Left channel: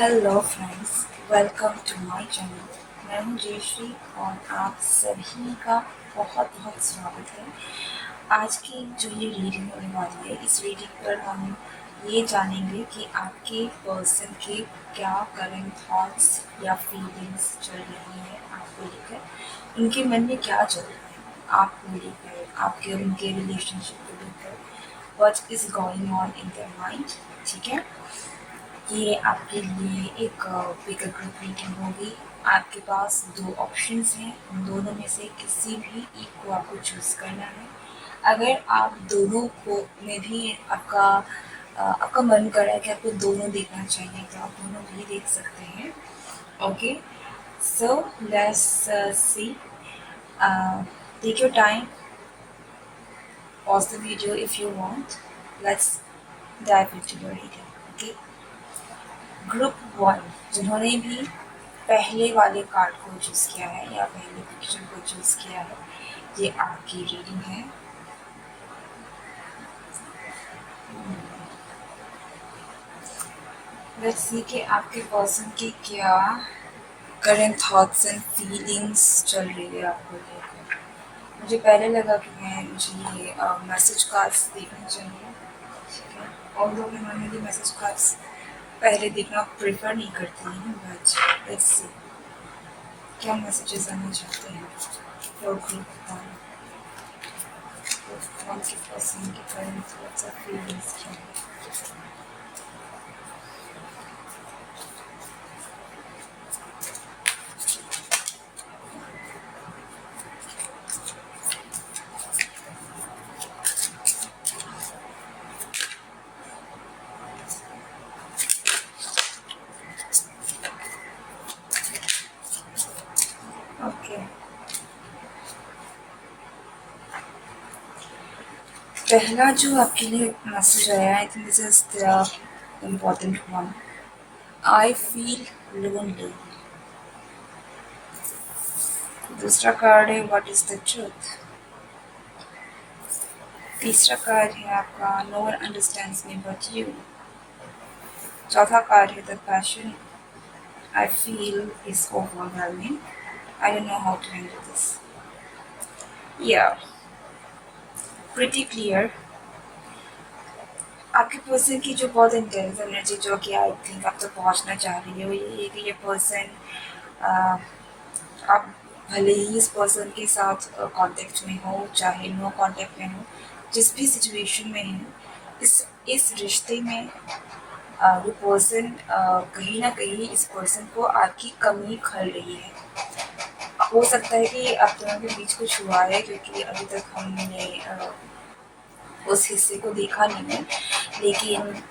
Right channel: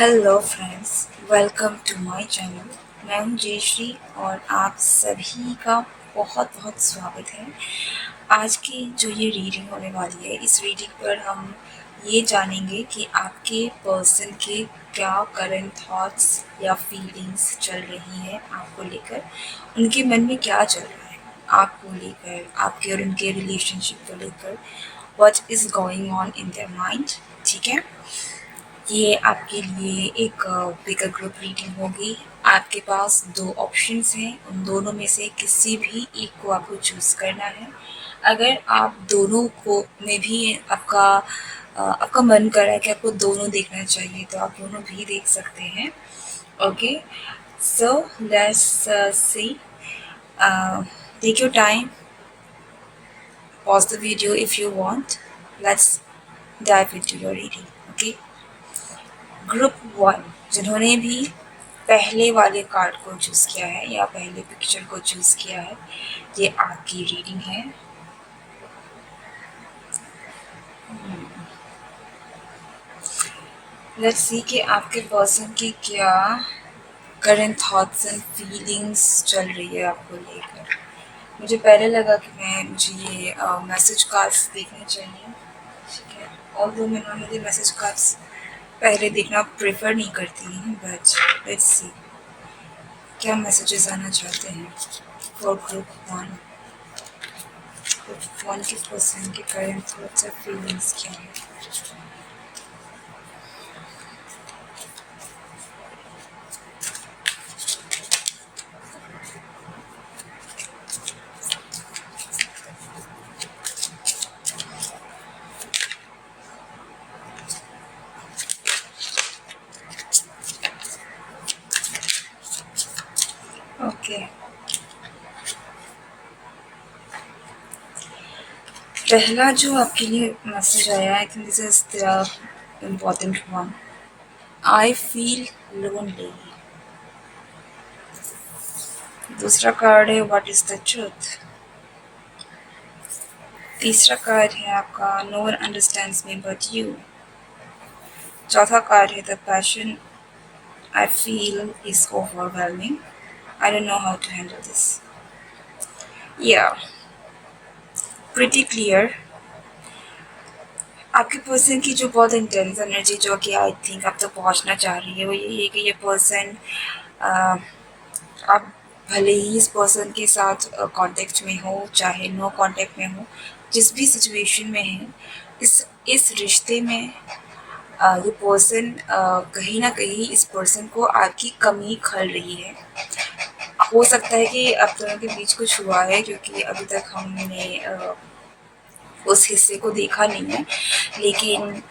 Hello friends, welcome to my channel. मैं हूं जयश्री और आप सभी का बहुत बहुत स्वागत है। आज की जो ये रीडिंग होने वाली है, इस रीडिंग पर हम ये जानेंगे कि आपके पर्सन के क्या करंट थॉट्स या फीलिंग्स चल रही है आपको लेकर, उनके मन में क्या चल रहा है आपको लेकर, आपके और उनके रिलेशनशिप को लेकर, what is going on in their mind. ठीक है, ये आपके लिए एक पिकर ग्रुप रीडिंग होगी। आपके पास दो ऑप्शंस हैं, उन दोनों में से किसी भी एक को आपको चूज़ करना है। अगर आप दोनों को में भी आपका मन कर रहा है कि आपको दोनों देखना चाहिए, तो आप दोनों भी देख सकते हैं। Okay, so let's see, take your time, pause the video if you want. Let's dive into your reading. Okay, group one, जिन्होंने भी पहले वाले कार्ड को चूज़ किया है या पहले पिक्चर को चूज़ किया है, ये आपकी रीडिंग है। लेट्स सी कि आपके पर्सन की क्या करंट थॉट्स एंड फीलिंग्स चल रही है आपको लेकर। मुझे पहले लगा कि मुझे ये मैसेज कार्ड्स देखने चाहिए, ठीक है, और दो मैं नॉर्मली मैसेज कार्ड्स पहले देखना प्रेफर नहीं करती हूँ, बट लेट्स सी क्या मैसेजेस आना चाहते हैं for group one. Group one के पर्सन के करंट थॉट्स और फीलिंग्स क्या है। ओके, पहला जो आपके लिए मैसेज आया, I think this is the important one. I feel lonely. दूसरा कार्ड है व्हाट इज द ट्रूथ। तीसरा कार्ड है आपका no one understands me but you. चौथा कार्ड है the passion I feel is overwhelming, I don't know how to handle this. या pretty clear. आपके person की जो बहुत इंटेंस एनर्जी जो कि आई थिंक आप तक पहुंचना चाह रही है, वो यही है कि ये पर्सन, आप भले ही इस पर्सन के साथ कांटेक्ट में हो चाहे नो कांटेक्ट में हो, जिस भी सिचुएशन में है, इस रिश्ते में ये पर्सन कहीं ना कहीं इस पर्सन को आपकी कमी खल रही है। हो सकता है कि आप दोनों के बीच कुछ हुआ है, क्योंकि अभी तक हमने उस हिस्से को देखा नहीं है, लेकिन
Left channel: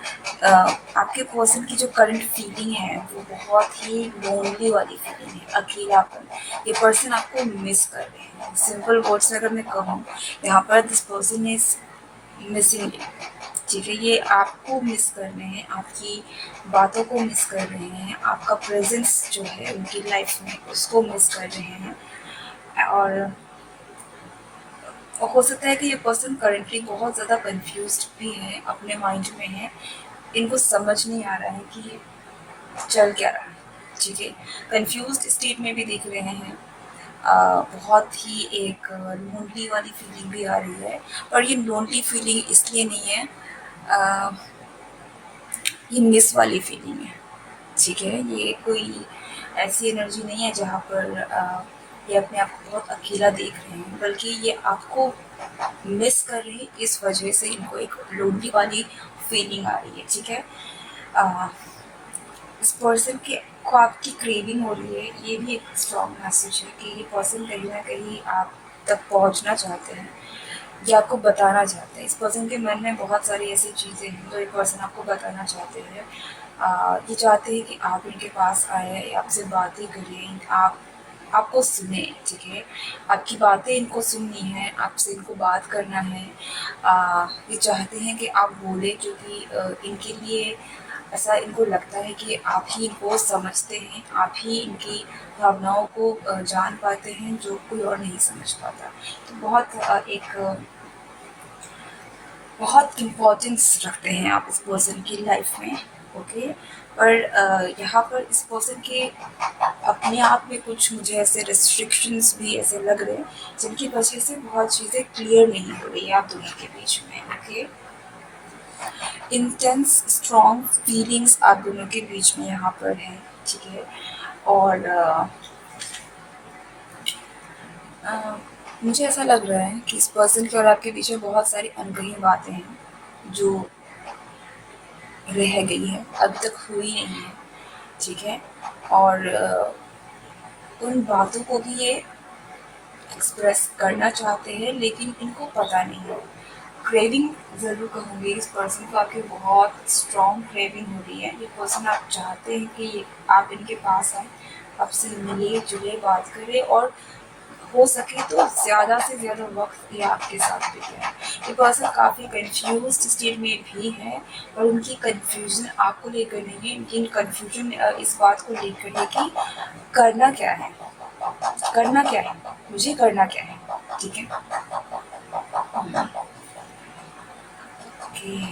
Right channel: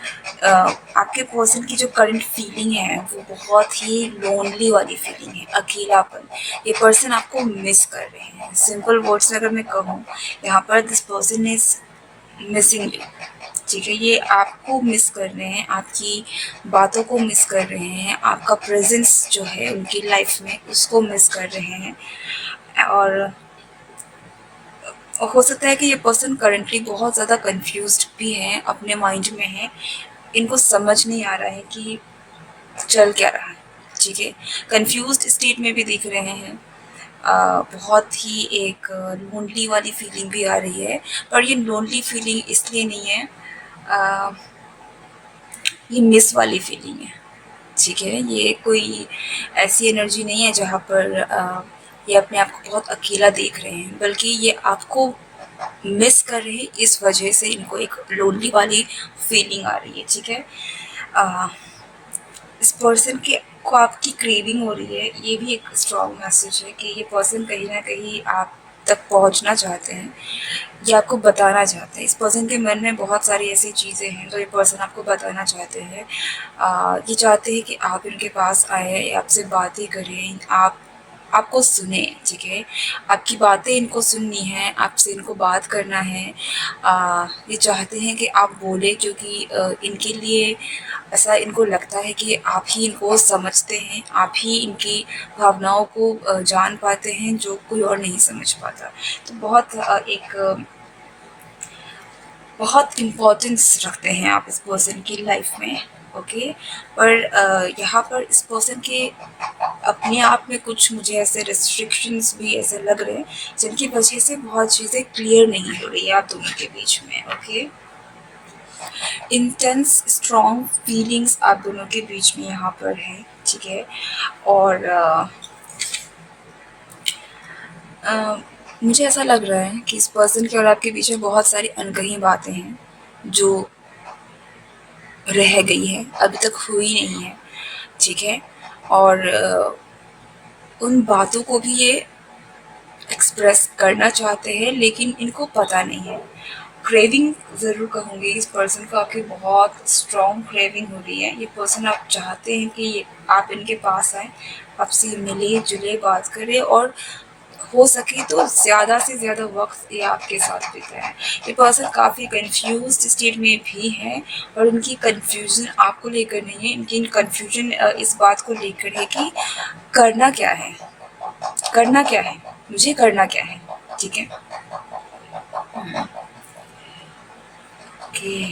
आपके पर्सन की जो करंट फीलिंग है वो बहुत ही लोनली वाली फीलिंग है, अकेलापन। ये पर्सन आपको मिस कर रहे हैं। सिंपल वर्ड्स में अगर मैं कहूँ, यहाँ पर this person is missing you. ठीक है, ये आपको मिस कर रहे हैं, आपकी बातों को मिस कर रहे हैं, आपका प्रेजेंस जो है उनकी लाइफ में उसको मिस कर रहे हैं। और हो सकता है कि ये पर्सन करंटली बहुत ज़्यादा कंफ्यूज्ड भी हैं, अपने माइंड में हैं, इनको समझ नहीं आ रहा है कि चल क्या रहा है। ठीक है, कंफ्यूज्ड स्टेट में भी दिख रहे हैं। बहुत ही एक लोनली वाली फीलिंग भी आ रही है, पर ये लोनली फीलिंग इसलिए नहीं है, आ, ये मिस वाली फीलिंग है। ठीक है, ये कोई ऐसी एनर्जी नहीं है जहाँ पर ये अपने आप को बहुत अकेला देख रहे हैं, बल्कि ये आपको मिस कर रहे हैं, इस वजह से इनको एक लोनली वाली फीलिंग आ रही है। ठीक है, आ, इस पर्सन के को आपकी क्रेविंग हो रही है, ये भी एक स्ट्रॉन्ग मैसेज है कि ये पर्सन कहीं ना कहीं आप तक पहुंचना चाहते हैं, ये आपको बताना चाहते हैं। इस पर्सन के मन में बहुत सारी ऐसी चीज़ें हैं जो ये पर्सन आपको बताना चाहते हैं। ये चाहते हैं कि आप इनके पास आए, आपसे बातें करें, आपको सुने। ठीक है, आपकी बातें इनको सुननी है, आपसे इनको बात करना है। ये चाहते हैं कि आप बोले, क्योंकि इनके लिए ऐसा इनको लगता है कि आप ही इनको समझते हैं, आप ही इनकी भावनाओं को जान पाते हैं, जो कोई और नहीं समझ पाता। तो बहुत इम्पोर्टेंस रखते हैं आप इस पर्सन की लाइफ में। ओके। पर यहाँ पर इस पर्सन के अपने आप में कुछ मुझे ऐसे रिस्ट्रिक्शंस भी ऐसे लग रहे हैं जिनकी वजह से बहुत चीज़ें क्लियर नहीं हो रही है आप दोनों के बीच में। ओके, इंटेंस स्ट्रॉन्ग फीलिंग्स आप दोनों के बीच में यहाँ पर है, ठीक है। और मुझे ऐसा लग रहा है कि इस पर्सन के और आपके बीच में बहुत सारी अनकही बातें हैं जो रह गई है, अभी तक हुई नहीं है, ठीक है। और उन बातों को भी ये एक्सप्रेस करना चाहते हैं लेकिन इनको पता नहीं है। क्रेविंग ज़रूर कहूँगी इस पर्सन को, आपकी बहुत स्ट्रॉन्ग क्रेविंग हो रही है। ये पर्सन आप चाहते हैं कि आप इनके पास आए, आपसे मिले जुले, बात करें और हो सके तो ज़्यादा से ज़्यादा वक्त ये आपके साथ बिताए। ये पर्सन काफ़ी कंफ्यूज्ड स्टेट में भी है और उनकी कंफ्यूजन आपको लेकर नहीं है, इनकी कंफ्यूजन इस बात को लेकर है कि करना क्या है, करना क्या है, मुझे करना क्या है, ठीक है। Okay,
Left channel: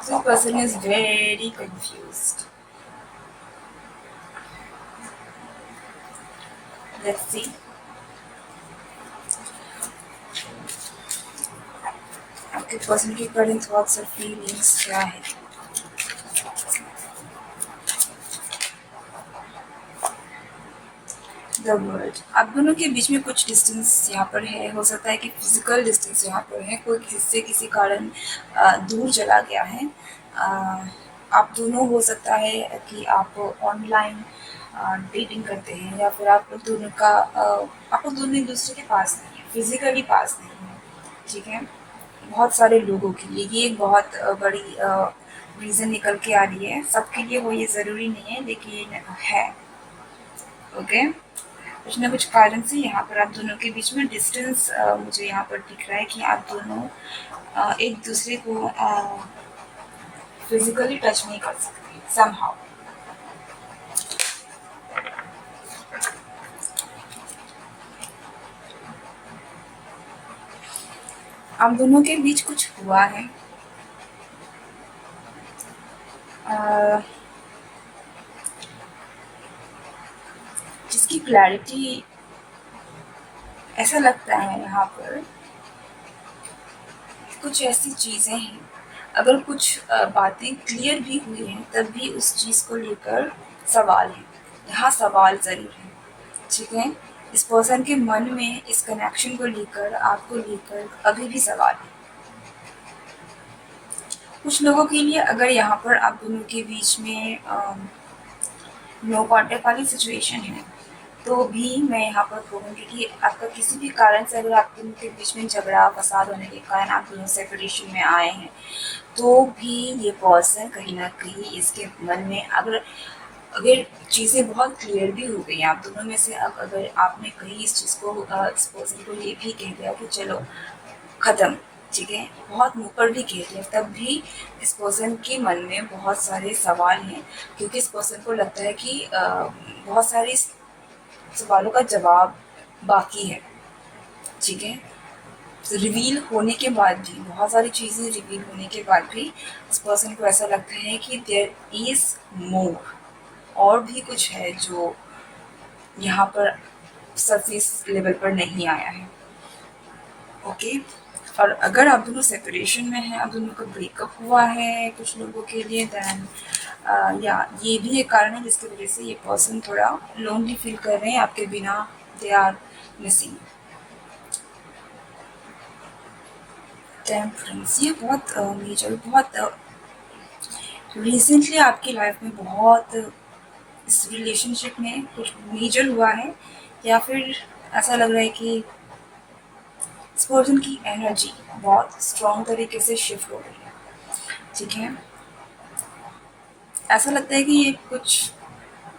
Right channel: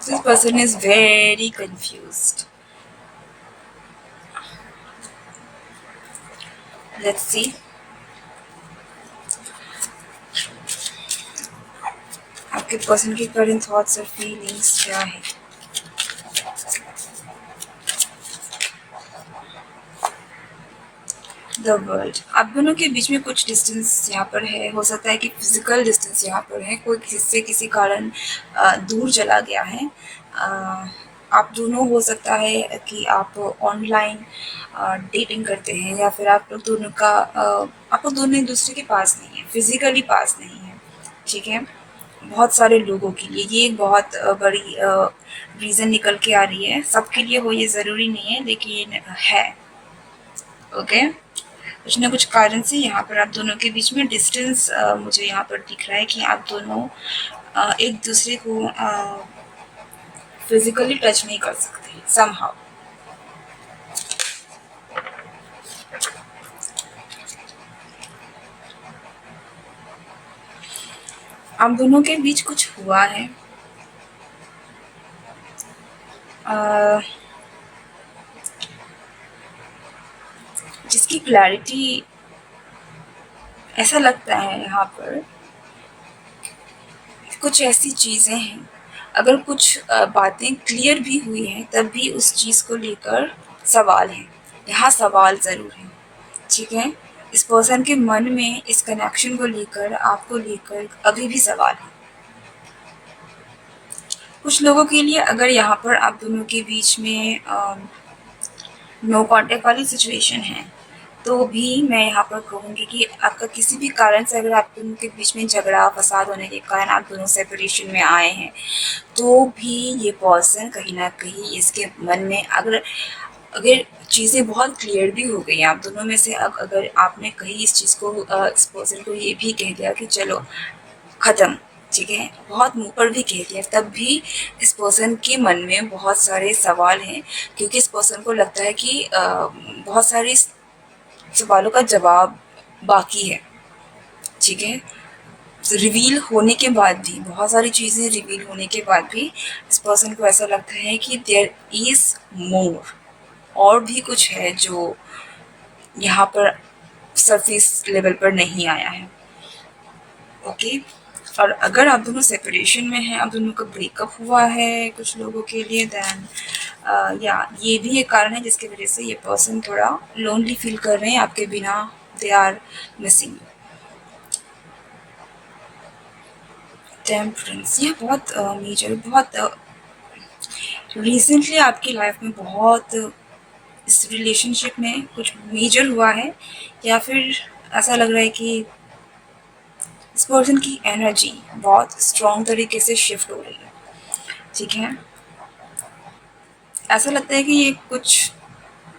this person is very confused. Let's see आपके पर्सन की करंट थॉट्स और फीलिंग्स क्या है। द वर्ल्ड, आप दोनों के बीच में कुछ डिस्टेंस यहाँ पर है, हो सकता है कि फिजिकल डिस्टेंस यहाँ पर है, कोई किसी किसी कारण दूर चला गया है। आप दोनों, हो सकता है कि आप ऑनलाइन डेटिंग करते हैं या फिर आप लोग दोनों का आप लोग दोनों एक दूसरे के पास नहीं है, फिजिकली पास नहीं है, ठीक है। बहुत सारे लोगों के लिए ये एक बहुत बड़ी रीज़न निकल के आ रही है, सबके लिए हो ये ज़रूरी नहीं है लेकिन है। ओके, कुछ ना कुछ कारण से यहाँ पर आप दोनों के बीच में डिस्टेंस मुझे यहाँ पर दिख रहा है कि आप दोनों एक दूसरे को फिजिकली टच नहीं कर सकते समहाउ। आप दोनों के बीच कुछ हुआ है, जिसकी क्लैरिटी ऐसा लगता है यहाँ पर कुछ ऐसी चीज़ें हैं, अगर कुछ बातें क्लियर भी हुई हैं तब भी उस चीज़ को लेकर सवाल है, यहाँ सवाल ज़रूर है, ठीक है। इस पर्सन के मन में इस कनेक्शन को लेकर, आपको लेकर अभी भी सवाल है। कुछ लोगों के लिए अगर यहाँ पर आप दोनों के बीच में नो कॉन्टेक्ट वाली सिचुएशन है तो भी मैं यहाँ पर कहूँगी कि आपका किसी भी कारण से अगर आप दोनों के बीच में झगड़ा फसाद होने के कारण आप दोनों सेपरेशन में आए हैं तो भी ये पर्सन कहीं ना कहीं इसके मन में अगर अगर चीज़ें बहुत क्लियर भी हो गई आप दोनों में से, अब अगर आपने कहीं इस चीज़ को इस पर्सन को ये भी कह दिया कि चलो ख़त्म, ठीक है, बहुत मुंह पर भी कह दिया, तब भी इस पर्सन के मन में बहुत सारे सवाल हैं क्योंकि इस पर्सन को लगता है कि बहुत सारे सवालों का जवाब बाकी है, ठीक है। रिवील होने के बाद भी, बहुत सारी चीज़ें रिवील होने के बाद भी इस पर्सन को ऐसा लगता है कि देयर इज़ मोर, और भी कुछ है जो यहाँ पर सरफेस लेवल पर नहीं आया है। ओके, और अगर आप दोनों सेपरेशन में हैं, आप दोनों का ब्रेकअप हुआ है कुछ लोगों के लिए, देन या ये भी एक कारण है जिसकी वजह से ये पर्सन थोड़ा लोनली फील कर रहे हैं आपके बिना, दे आर मिसिंग। टेम्परेंस, ये बहुत मेजर, बहुत रिसेंटली आपकी लाइफ में बहुत इस रिलेशनशिप में कुछ मेजर हुआ है या फिर ऐसा लग रहा है कि इस पर्सन की एनर्जी बहुत स्ट्रॉन्ग तरीके से शिफ्ट हो रही है, ठीक है। ऐसा लगता है कि ये कुछ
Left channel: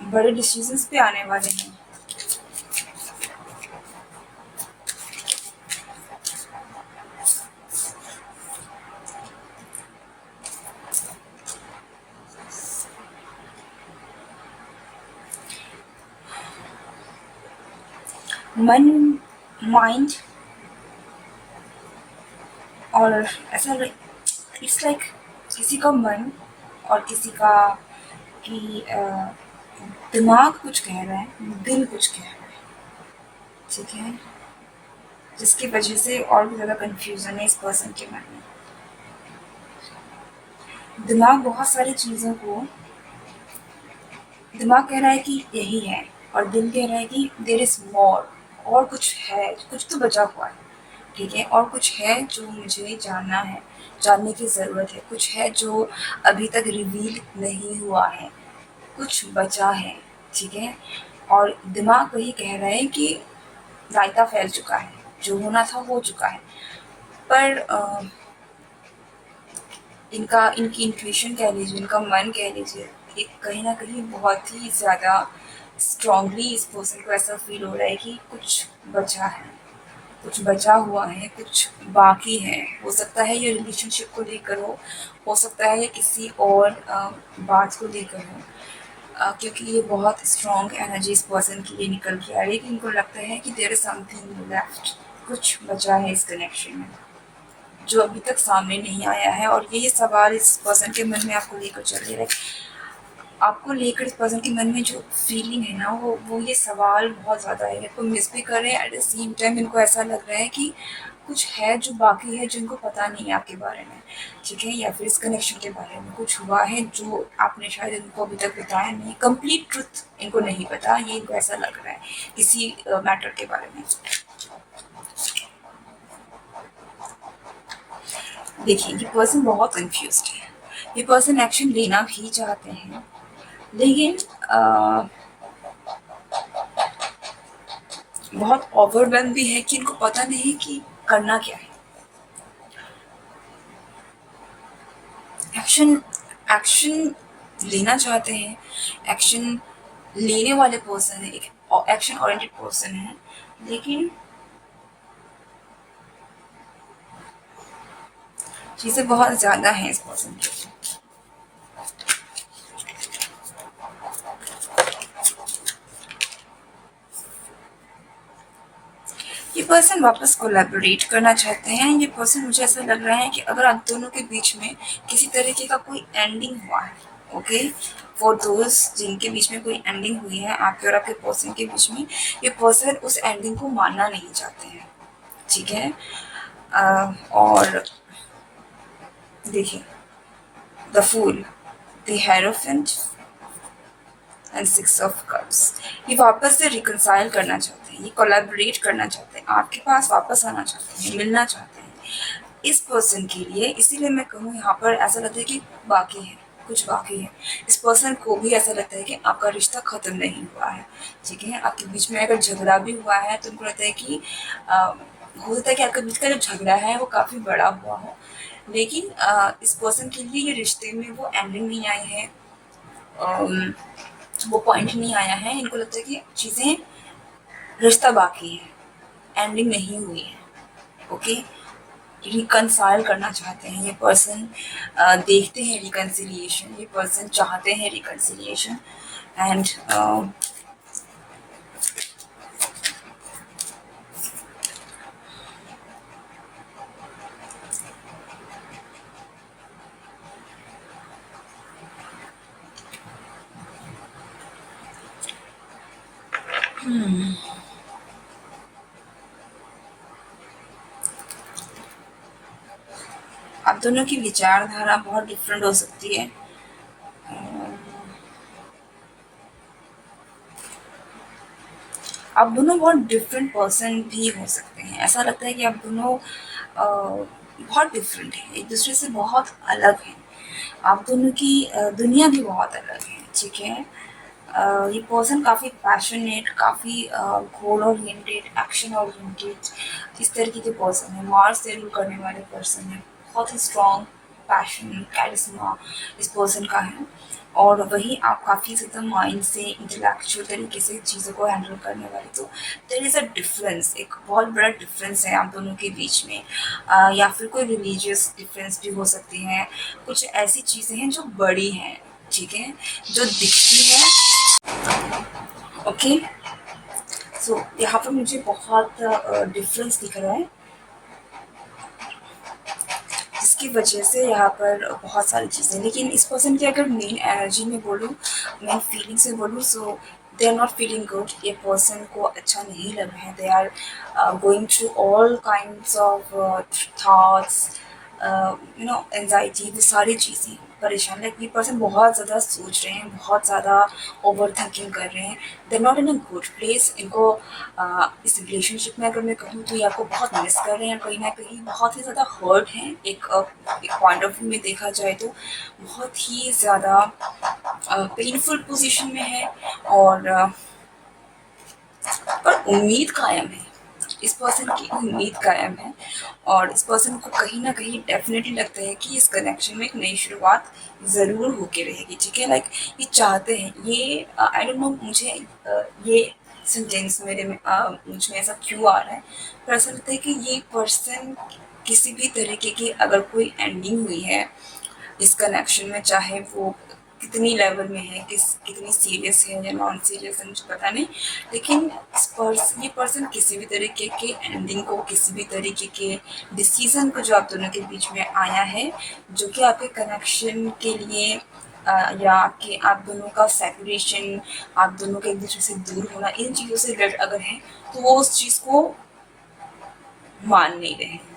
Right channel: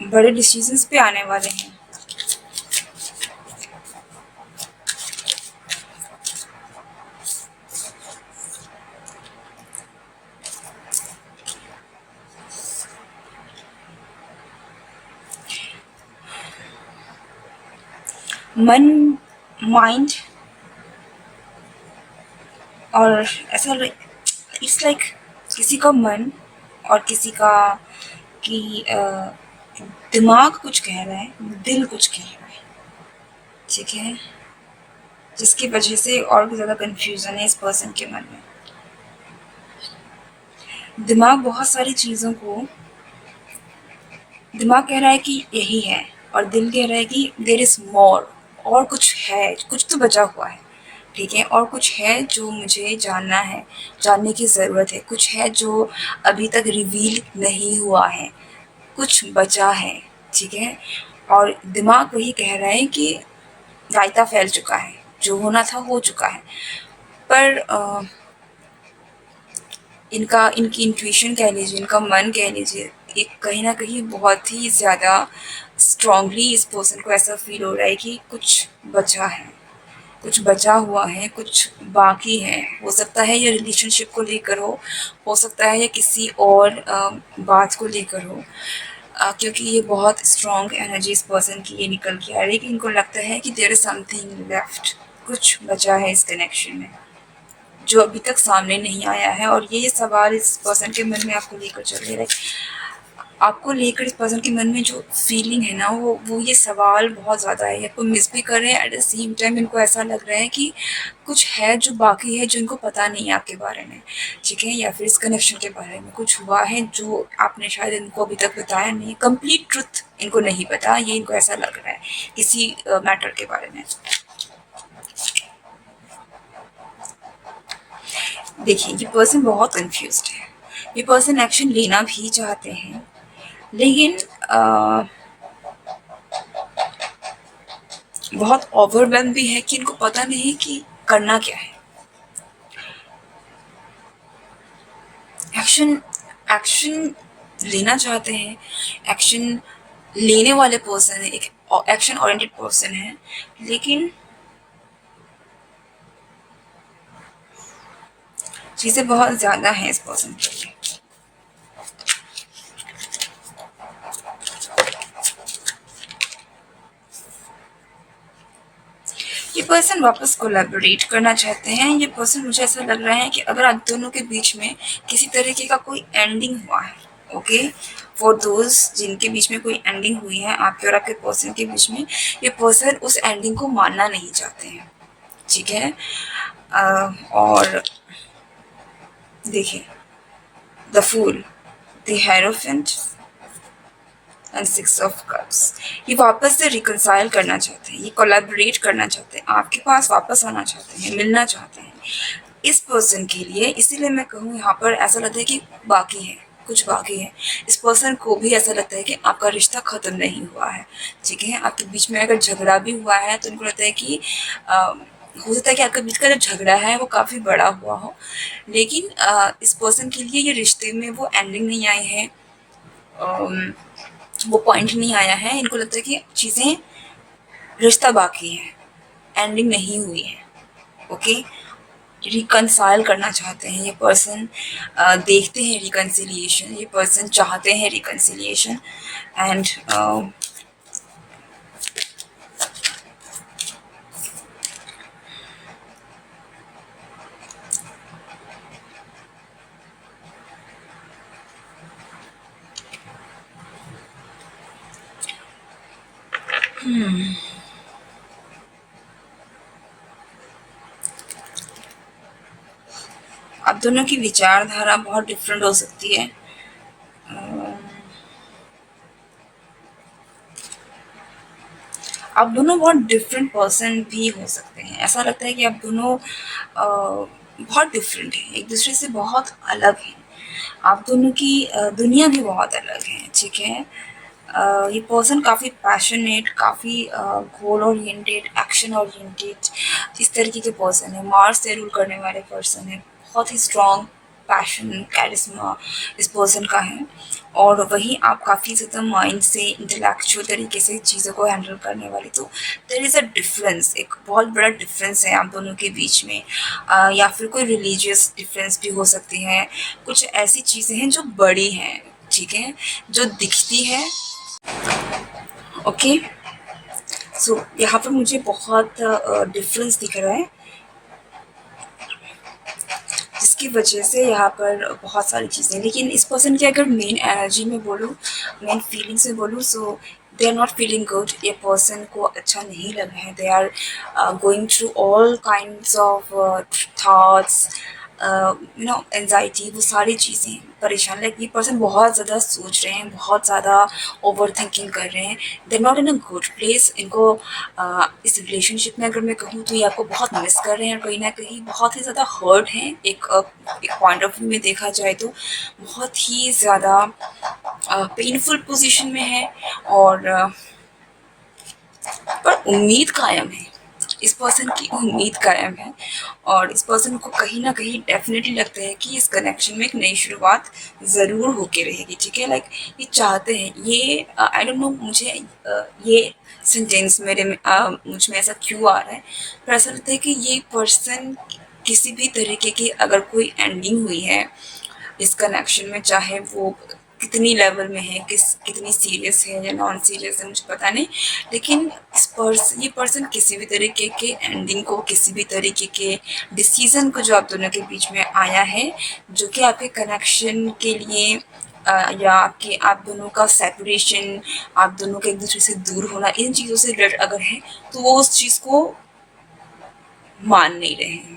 बड़े डिसीजंस पे आने वाले हैं। मन, माइंड और ऐसा इट्स लाइक किसी का मन और किसी का कि दिमाग कुछ कह रहा है, दिल कुछ कह रहा है, ठीक है, जिसकी वजह से और भी ज़्यादा कन्फ्यूज़न है इस पर्सन के मन में। दिमाग बहुत सारी चीज़ों को, दिमाग कह रहा है कि यही है, और दिल कह रहा है कि देयर इज़ मोर, और कुछ है, कुछ तो बचा हुआ है, ठीक है, और कुछ है जो मुझे जानना है, जानने की ज़रूरत है, कुछ है जो अभी तक रिवील नहीं हुआ है, कुछ बचा है, ठीक है। और दिमाग वही कह रहा है कि रायता फैल चुका है, जो होना था हो चुका है। पर इनकी इंट्यूशन कह लीजिए, इनका मन कह लीजिए, एक कहीं न कहीं बहुत ही ज़्यादा स्ट्रॉन्गली इस पर्सन को ऐसा फ़ील हो रहा है कि कुछ बचा है, कुछ बचा हुआ है, कुछ बाकी है। हो सकता है ये रिलेशनशिप को लेकर हो सकता है ये किसी और बात को लेकर हो। क्योंकि ये बहुत स्ट्रॉन्ग एनर्जी इस पर्सन की ये निकल के आ रही है कि इनको लगता है कि देयर इज़ समथिंग लेफ्ट, कुछ बचा है इस कनेक्शन में, जो अभी तक सामने नहीं आया है। और ये सवाल इस पर्सन के मन में आपको लेकर चल रहे हैं, आपको लेकर इस पर्सन के मन में जो फीलिंग है ना, वो ये सवाल बहुत ज़्यादा है, आपको मिस भी कर रहे हैं, एट द सेम टाइम इनको ऐसा लग रहा है कि कुछ है जो बाकी है, जो इनको पता नहीं है आपके बारे में, ठीक है, या फिर इस कनेक्शन के बारे में कुछ हुआ है जो आपने शायद इनको अभी तक बताया नहीं, कंप्लीट ट्रुथ इनको नहीं पता, ये इनको ऐसा लग रहा है किसी मैटर के बारे में। देखिए, ये पर्सन बहुत कंफ्यूज्ड है, ये पर्सन एक्शन लेना भी चाहते हैं, लेकिन बहुत ओवरवेल्म भी है कि इनको पता नहीं कि करना क्या है। एक्शन एक्शन लेना चाहते हैं, एक्शन लेने वाले पर्सन है, एक एक्शन ओरिएंटेड पर्सन है, लेकिन चीज़ें बहुत ज़्यादा हैं इस पर्सन के लिए। ये पर्सन वापस कोलैबोरेट करना चाहते हैं। ये पर्सन, मुझे ऐसा लग रहा है कि अगर आप दोनों के बीच में किसी तरीके का कोई एंडिंग हुआ है, ओके, फॉर दोज जिनके बीच में कोई एंडिंग हुई है आपके और आपके पर्सन के बीच में, ये पर्सन उस एंडिंग को मानना नहीं चाहते हैं, ठीक है। और देखिए, the fool, the hierophant and six of cups, ये वापस से रिकनसाइल करना चाहते हैं, ये कोलैबोरेट करना चाहते हैं, आपके पास वापस आना चाहते हैं, मिलना चाहते हैं इस पर्सन के लिए। इसीलिए मैं कहूँ यहाँ पर ऐसा लगता है कि बाकी है, कुछ बाकी है। इस पर्सन को भी ऐसा लगता है कि आपका रिश्ता ख़त्म नहीं हुआ है, ठीक है। आपके बीच में अगर झगड़ा भी हुआ है तो उनको लगता है कि हो सकता है कि आपके बीच का जो झगड़ा है वो काफ़ी बड़ा हुआ हो, लेकिन इस पर्सन के लिए ये रिश्ते में वो एंडिंग नहीं आई है, वो पॉइंट नहीं आया है। इनको लगता है कि चीज़ें, रिश्ता बाकी है, एंडिंग नहीं हुई है, ओके। रिकनसाइल करना चाहते हैं ये पर्सन, देखते हैं रिकन्सिलिएशन, ये पर्सन चाहते हैं रिकन्सिलिएशन। एंड आप दोनों की विचारधारा बहुत डिफरेंट हो सकती है। आप दोनों बहुत डिफरेंट पर्सन भी हो सकते हैं। ऐसा लगता है कि आप दोनों बहुत डिफरेंट हैं, एक दूसरे से बहुत अलग हैं। आप दोनों की दुनिया भी बहुत अलग है, ठीक है। ये पर्सन काफ़ी पैशनेट, काफ़ी गोल ओरिएंटेड, एक्शन ओरिएंटेड, इस तरीके के पर्सन है। मार्स से रूल करने वाले पर्सन है, बहुत ही स्ट्रॉन्ग पैशन, कैरिस्मा इस पर्सन का है। और वहीं आप काफ़ी ज़्यादा माइंड से, इंटेलेक्चुअल तरीके से चीज़ों को हैंडल करने वाले। तो देयर इज़ अ डिफरेंस, एक बहुत बड़ा डिफरेंस है आप दोनों के बीच में। या फिर कोई रिलीजियस डिफरेंस भी हो सकती है, कुछ ऐसी चीज़ें हैं जो बड़ी हैं, ठीक है, जो दिखती है, ओके। सो यहाँ पर मुझे बहुत डिफरेंस दिख रहा है, जिसकी वजह से यहाँ पर बहुत सारी चीज़ें, लेकिन इस पर्सन की अगर मेन एनर्जी में बोलूँ, मेन फीलिंग से बोलूँ, so they are not feeling good. ये पर्सन को अच्छा नहीं लग रहा है। They are going through all kinds of thoughts, anxiety, वो सारी चीज़ें परेशान। लाइक ये पर्सन बहुत ज़्यादा सोच रहे हैं, बहुत ज़्यादा ओवर थिंकिंग कर रहे हैं। They not in a good place. इनको इस रिलेशनशिप में अगर मैं कहूँ तो ये आपको बहुत मिस कर रहे हैं, कहीं ना कहीं बहुत ही ज़्यादा हर्ट हैं। एक पॉइंट ऑफ व्यू में देखा जाए तो बहुत ही ज़्यादा पेनफुल पोजीशन में है, और पर उम्मीद कायम है। इस पर्सन की उम्मीद कायम है, और इस पर्सन को कहीं ना कहीं डेफिनेटली लगता है कि इस कनेक्शन में एक नई शुरुआत ज़रूर होके रहेगी। ठीक है, लाइक ये चाहते हैं। ये आई डोंट नो, मुझे ये सेंटेंस मुझ में ऐसा क्यों आ रहा है, पर ऐसा लगता है कि ये पर्सन किसी भी तरीके की अगर कोई एंडिंग हुई है इस कनेक्शन में, चाहे वो कितनी लेवल में है, कितनी सीरियस है या नॉन सीरियस है, मुझे पता नहीं, लेकिन ये पर्सन किसी भी तरीके के एंडिंग को, किसी भी तरीके के डिसीजन को जो आप दोनों के बीच में आया है, जो कि आपके कनेक्शन के लिए या आपके आप दोनों का सेपरेशन, आप दोनों के एक दूसरे से दूर होना, इन चीज़ों से रिलेटेड अगर है, तो वो उस चीज़ को मान नहीं रहे हैं।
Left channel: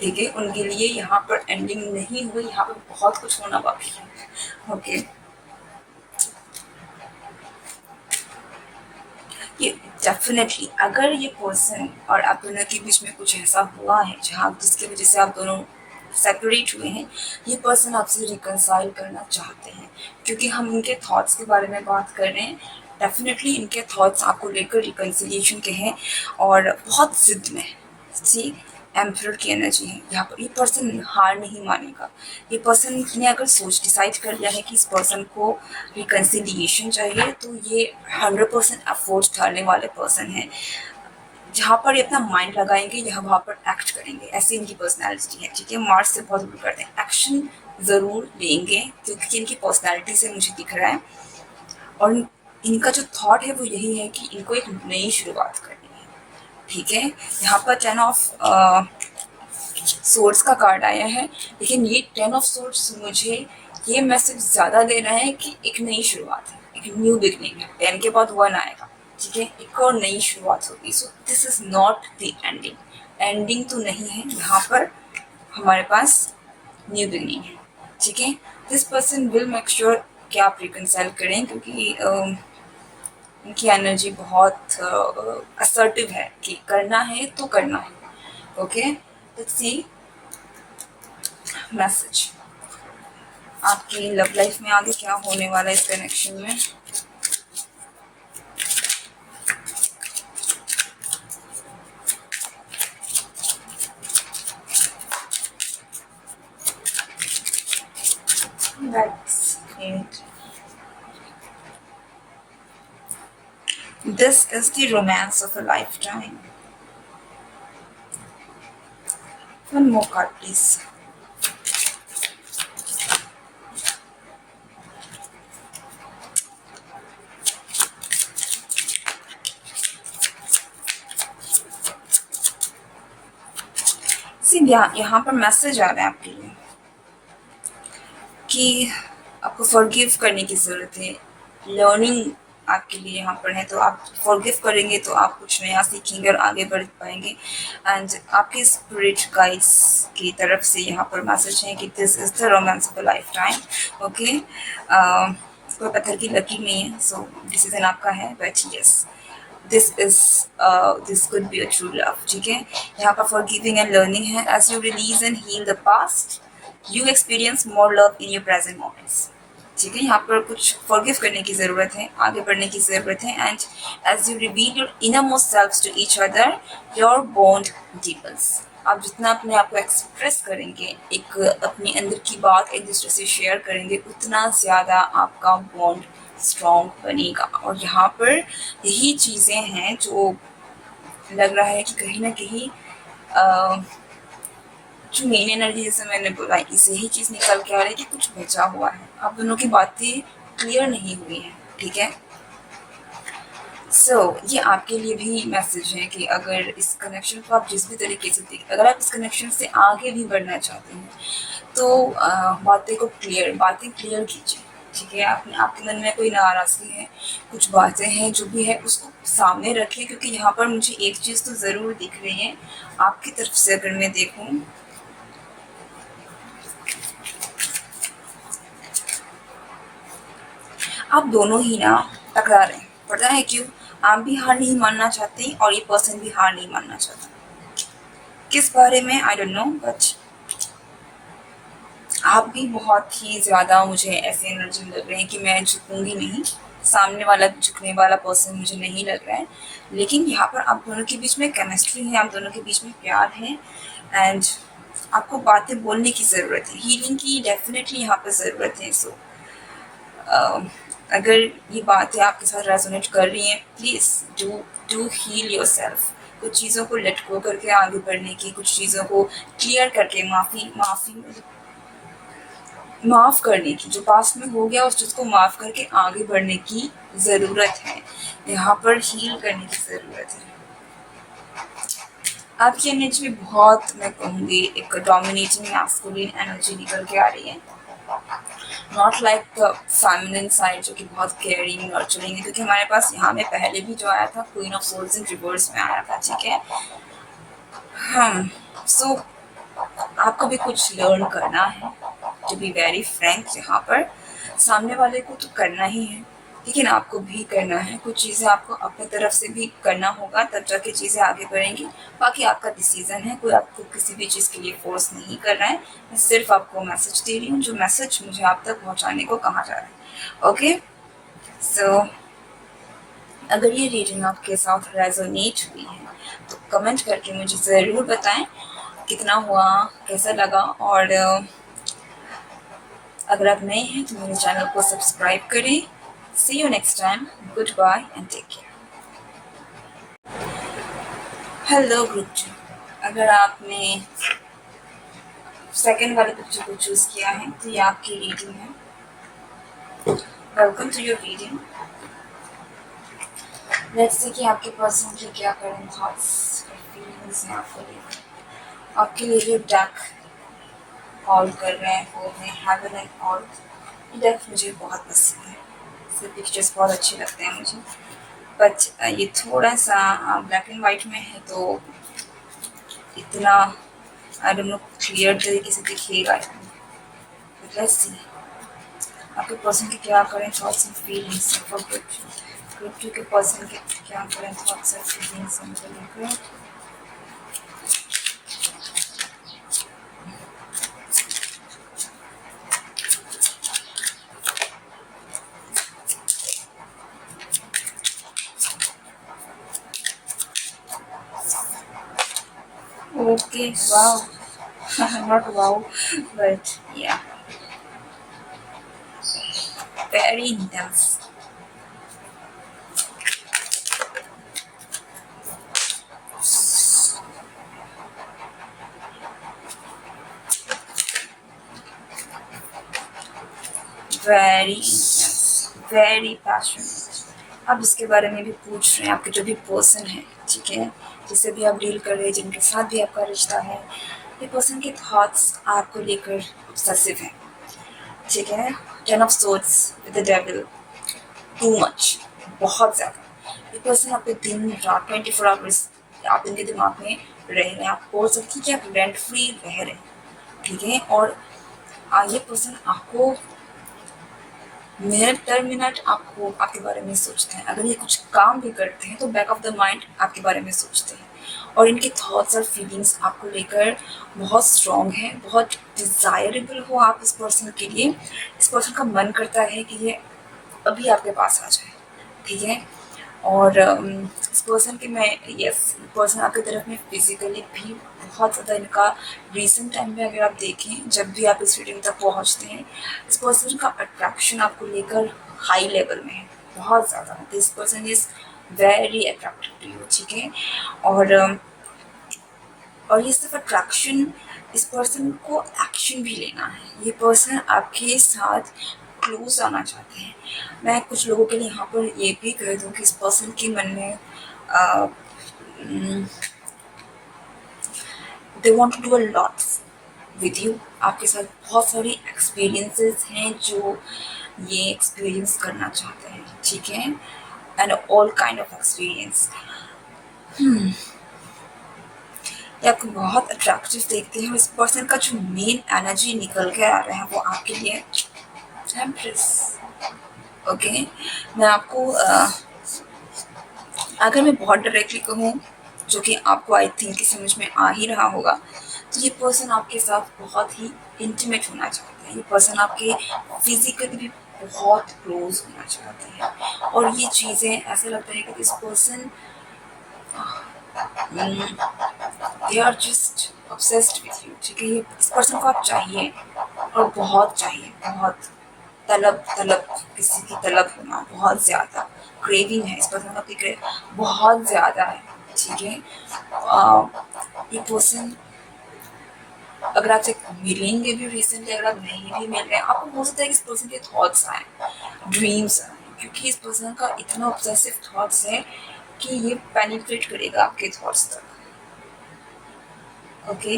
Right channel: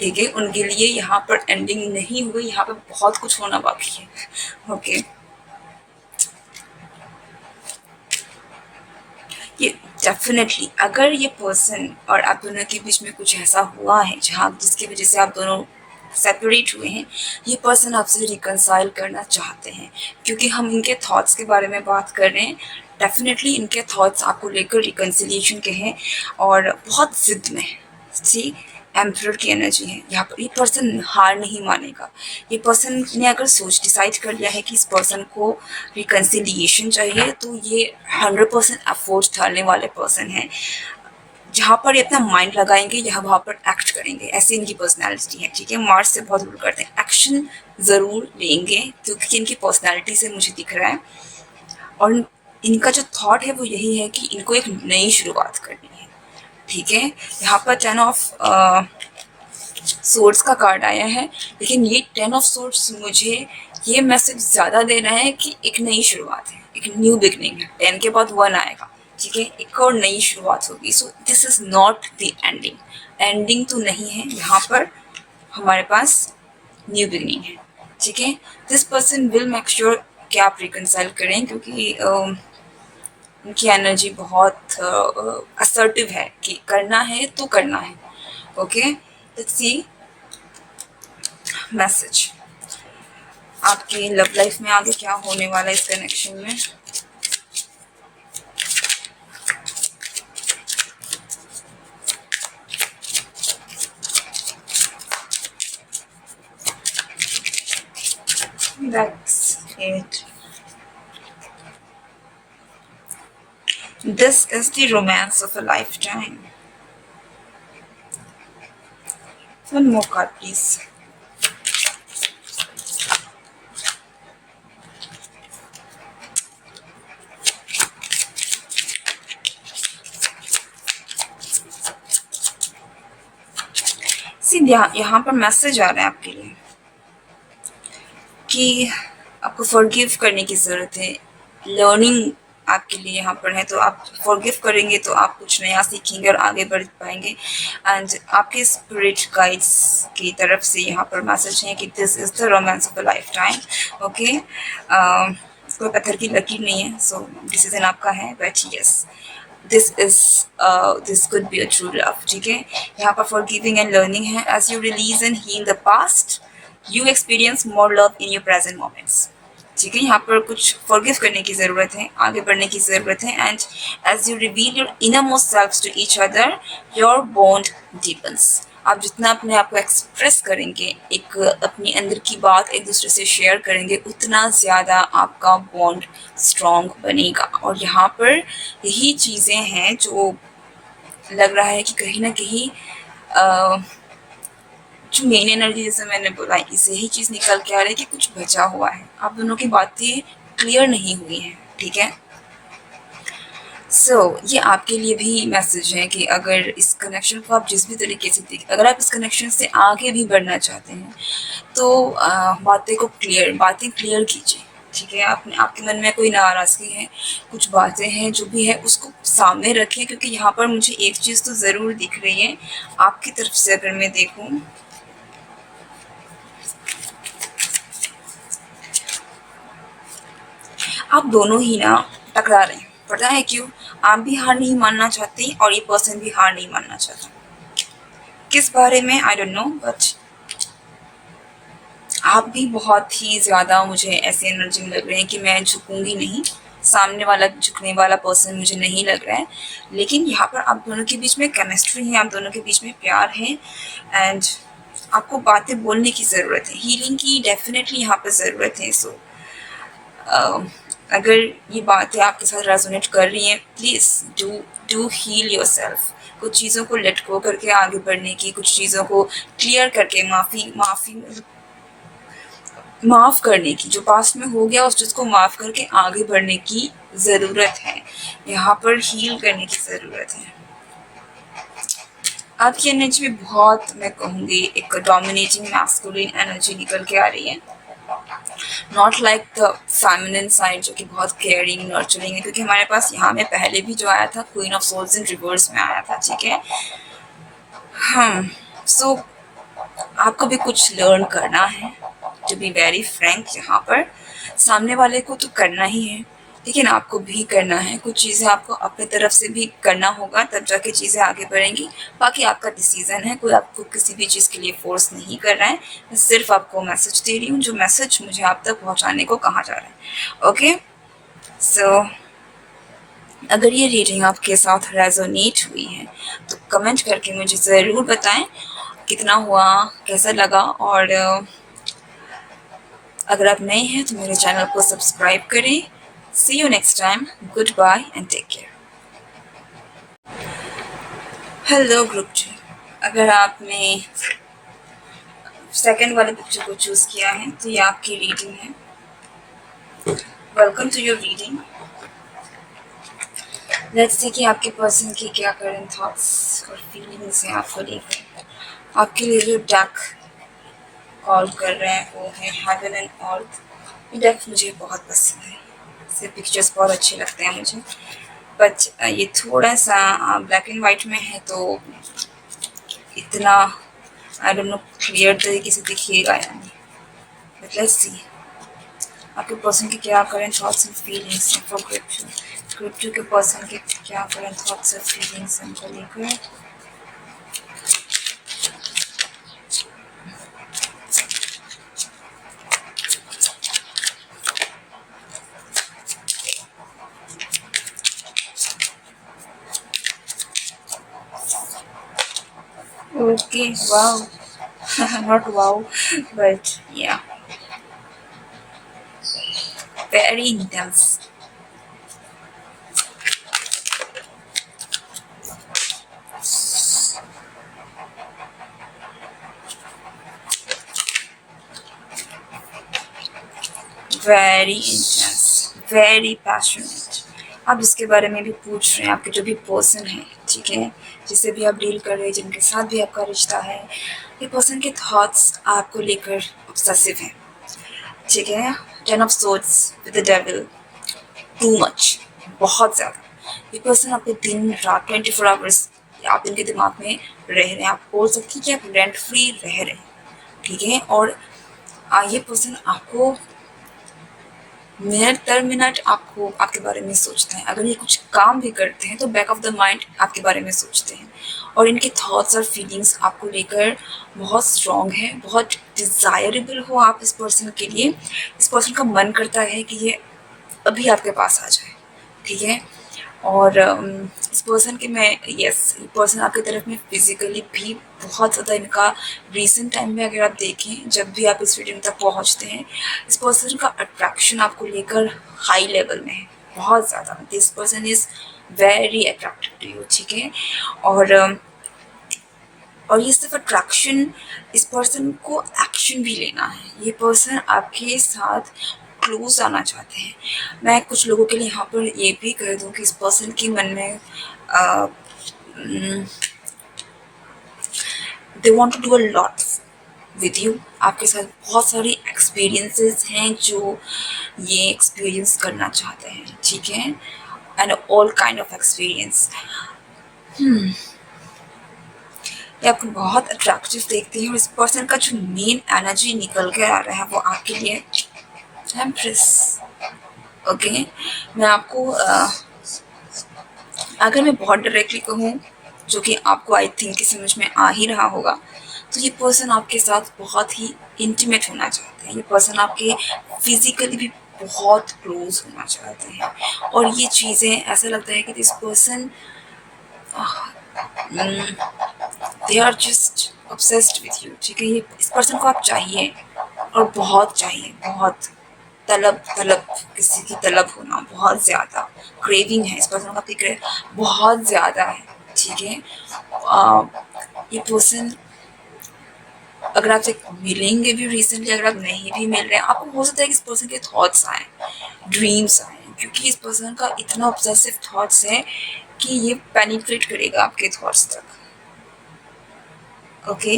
ठीक है, उनके लिए यहाँ पर एंडिंग नहीं हुई, यहाँ पे बहुत कुछ होना बाकी है। ओके, ये डेफिनेटली अगर ये पर्सन और आप दोनों के बीच में कुछ ऐसा हुआ है जहाँ जिसकी वजह से आप दोनों सेपरेट हुए हैं, ये पर्सन आपसे रिकंसाइल करना चाहते हैं, क्योंकि हम इनके थॉट्स के बारे में बात कर रहे हैं। डेफिनेटली इनके थॉट्स आपको लेकर रिकंसिलिएशन के हैं, और बहुत जिद में है। ठीक, एम्परर की एनर्जी है यहाँ पर। ये पर्सन हार नहीं मानेगा। ये पर्सन ने अगर डिसाइड कर लिया है कि इस पर्सन को रिकंसिलिएशन चाहिए, तो ये 100% एफर्ट्स डालने वाले पर्सन है। जहाँ पर ये अपना माइंड लगाएंगे यहाँ वहाँ पर एक्ट करेंगे, ऐसी इनकी पर्सनैलिटी है। ठीक है, मार्स से बहुत दूर करते हैं, एक्शन ज़रूर लेंगे, क्योंकि इनकी पर्सनैलिटी से मुझे दिख रहा है। और इनका जो थॉट है वो यही है कि इनको एक नई शुरुआत करनी है। ठीक है, यहाँ पर 10 ऑफ सोर्ड्स का कार्ड आया है, लेकिन ये 10 ऑफ सोर्ड्स मुझे ये मैसेज ज़्यादा दे रहा है कि एक नई शुरुआत है, एक न्यू बिगनिंग है। 10 के बाद 1 आएगा। ठीक है, एक और नई शुरुआत होगी। So this is not the ending. Ending तो नहीं है, यहाँ पर हमारे पास न्यू बिगनिंग है। ठीक है, this person will make sure कि आप रिकंसाइल करें, क्योंकि उनकी एनर्जी बहुत असर्टिव है कि करना है तो करना है। ओके, लेट्स सी मैसेज आपकी लव लाइफ में आगे क्या होने वाला है इस कनेक्शन में। That's it. This is the romance of a lifetime. One more card, please. सीधा यहाँ पर मैसेज आ रहा है आपके लिए कि आपको फॉरगिव करने की ज़रूरत है। लर्निंग आपके लिए यहाँ पर है, तो आप फॉरगिव करेंगे तो आप कुछ नया सीखेंगे और आगे बढ़ पाएंगे। एंड आपके स्पिरिट गाइड्स की तरफ से यहाँ पर मैसेज है कि this is the romance of a life time. Okay, कोई पत्थर की लकीर नहीं है, सो डिसीजन आपका है, but yes this could be a true love। ठीक है, यहाँ पर forgiving and learning है। as you release and heal the past you experience more love in your present moments। ठीक है, यहाँ पर कुछ forgive करने की ज़रूरत है, आगे बढ़ने की ज़रूरत है। and as you reveal your innermost selves to each other your bond deepens। आप जितना अपने आप को एक्सप्रेस करेंगे, एक अपनी अंदर की बात एक दूसरे से शेयर करेंगे, उतना ज़्यादा आपका बॉन्ड स्ट्रॉन्ग बनेगा। और यहाँ पर यही चीज़ें हैं जो लग रहा है कि कहीं ना कहीं जो मेन एनर्जी, जैसे मैंने बोला, इसे ही चीज़ निकल के आ रही है कि कुछ बचा हुआ है, आप दोनों की बातें क्लियर नहीं हुई हैं। ठीक है, ये आपके लिए भी मैसेज है कि अगर इस कनेक्शन को आप जिस भी तरीके से देखें, अगर आप इस कनेक्शन से आगे भी बढ़ना चाहते हैं तो बातें क्लियर कीजिए। ठीक है, आपने आपके मन में कोई नाराज़गी है, कुछ बातें हैं जो भी है उसको सामने रखें, क्योंकि यहाँ पर मुझे एक चीज़ तो ज़रूर दिख रही है आपकी तरफ से। अगर मैं देखूँ, आप दोनों ही ना टकरा रहे हैं। पता है क्यों? आप भी हार नहीं मानना चाहते और ये पर्सन भी हार नहीं मानना चाहता। किस बारे में आई डोंट नो, बट आप भी बहुत ही ज़्यादा मुझे ऐसे एनर्जी में लग रहे हैं कि मैं झुकूंगी नहीं। सामने वाला झुकने वाला पर्सन मुझे नहीं लग रहा है, लेकिन यहाँ पर आप दोनों के बीच में केमिस्ट्री है, आप दोनों के बीच में प्यार है, एंड आपको बातें बोलने की ज़रूरत है, हीलिंग की डेफिनेटली यहाँ पर ज़रूरत है। अगर ये बातें आपके साथ रेजोनेट कर रही हैं, please do do heal yourself. कुछ चीज़ों को लेट गो करके आगे बढ़ने की, कुछ चीज़ों को क्लियर करके माफ़ करने की, जो पास्ट में हो गया उस चीज़ को माफ़ करके आगे बढ़ने की ज़रूरत है। यहाँ पर हील करने की ज़रूरत है। आपकी एनर्जी में बहुत, मैं कहूँगी, एक डोमिनेटिंग मैस्कुलिन एनर्जी निकल के आ रही है, not like the feminine side जो कि बहुत केयरिंग नर्चरिंग है, क्योंकि हमारे पास यहाँ में पहले भी जो आया था queen of souls in reverse में आया था। ठीक है, हम सो आपको भी कुछ लर्न करना है, टू बी वेरी फ्रैंक। यहाँ पर सामने वाले को तो करना ही है, लेकिन आपको भी करना है। कुछ चीज़ें आपको अपने तरफ से भी करना होगा, तब जाके चीज़ें आगे बढ़ेंगी। बाकी आपका डिसीज़न है, कोई आपको किसी भी चीज़ के लिए फोर्स नहीं कर रहा है। मैं सिर्फ आपको मैसेज दे रही हूँ, जो मैसेज मुझे आप तक पहुँचाने को कहा जा रहा है। ओके, सो अगर ये रीडिंग आपके साथ रेजोनेट हुई है तो कमेंट करके मुझे ज़रूर बताएं कितना हुआ, कैसा लगा। और अगर आप नए हैं तो मेरे चैनल को सब्सक्राइब करें। See you next time, good bye and take care. Hello group जी, अगर आपने सेकंड वाले पिक्चर को चूज़ किया है तो ये आपकी रीडिंग है। Welcome to your reading. Let's see कि आपके पर्सन की क्या करंट थॉट्स और फीलिंग्स हैं आपको लेकर। आपके लिए जो डेक कॉल कर रहे हैं वो है हेवन एंड अर्थ। ये डेक मुझे बहुत पसंद है, इसके पिक्चर्स बहुत अच्छे लगते हैं मुझे, बट ये थोड़ा सा ब्लैक एंड वाइट में है तो इतना आई डोंट नो क्लियर तरीके से दिखिएगा या नहीं, बट लेट्स सी आपके पर्सन के क्या करंट थॉट्स एंड फीलिंग्स हैं फॉर ग्रुप टू के पर्सन के क्या करंट थॉट्स एंड फीलिंग्स हैं उनको लेकर। Okay, wow. Not wow, but yeah, very intense. Very intense, very passionate. आप इसके बारे में भी पूछ रहे हैं, आपके जो भी पर्सन है, ठीक है, जिससे भी आप डील कर रहे हैं, जिनके साथ भी आपका रिश्ता है, ये पर्सन के थॉट्स आपको लेकर ऑब्सेसिव हैं। ठीक है, 10 of swords with the devil, too much, बहुत ज़्यादा। ये पर्सन आपके दिन रात 24 आवर्स आप इनके दिमाग में रह रहे हैं। आप बोल सकते हैं कि आप रेंट फ्री रह रहे हैं। ठीक है, और ये पर्सन आपको मिनट दर मिनट आपको आपके बारे में सोचते हैं। अगर ये कुछ काम भी करते हैं तो बैक ऑफ द माइंड आपके बारे में सोचते हैं, और इनके थॉट्स और फीलिंग्स आपको लेकर बहुत स्ट्रॉन्ग है, बहुत डिज़ायरेबल हो आप इस पर्सन के लिए। इस पर्सन का मन करता है कि ये अभी आपके पास आ जाए। ठीक है, और इस पर्सन के मैं पर्सन आपकी तरफ में फिजिकली भी बहुत ज़्यादा इनका रिसेंट टाइम में अगर आप देखें, जब भी आप इस रीडिंग तक पहुंचते हैं, इस पर्सन का अट्रैक्शन आपको लेकर हाई लेवल में है, बहुत ज़्यादा। This person is very attractive to you. ठीक है, और ये सिर्फ अट्रैक्शन, इस पर्सन को एक्शन भी लेना है। ये पर्सन आपके साथ क्लोज आना चाहते हैं। मैं कुछ लोगों के लिए यहाँ पर ये भी कह दूँ कि इस पर्सन के मन में they want to do a lot with you. आपके साथ बहुत सारी एक्सपीरियंसेस हैं जो ये एक्सपीरियंस करना चाहते हैं, ठीक है, and all kind of experience. ये आपको बहुत अट्रैक्टिव देखते हैं और इस पर्सन का जो मेन एनर्जी निकल कर आ रहा है वो आपके लिए एम्प्रेस। ओके, मैं आपको अगर मैं बहुत डायरेक्टली कहूँ, जो कि आपको आई थिंक कि समझ में आ ही रहा होगा, तो ये पर्सन आपके साथ बहुत ही इंटीमेट होना चाहते हैं। ये पर्सन आपके फिजिकली भी बहुत क्लोज होना चाहते हैं और ये चीज़ें ऐसा लगता है कि this person they are just obsessed with you, ठीक है। ये इस पर्सन को आप चाहिए और बहुत चाहिए, बहुत तलब तलब, किसी की तलब होना बहुत ज़्यादा, क्रेविंग है इस पर्सन का, आपकी बहुत ज़्यादा है, ठीक है। ये पर्सन अगर आपसे मिलेंगे भी रिसेंटली, अगर आप नहीं भी मिल रहे हैं, आपको हो सकता है कि इस पर्सन के थॉट्स आए, ड्रीम्स आए, क्योंकि इस पर्सन का इतना ऑब्सेसिव थॉट्स है कि ये पेनिट्रेट करेगा आपके थॉट्स तक। Okay,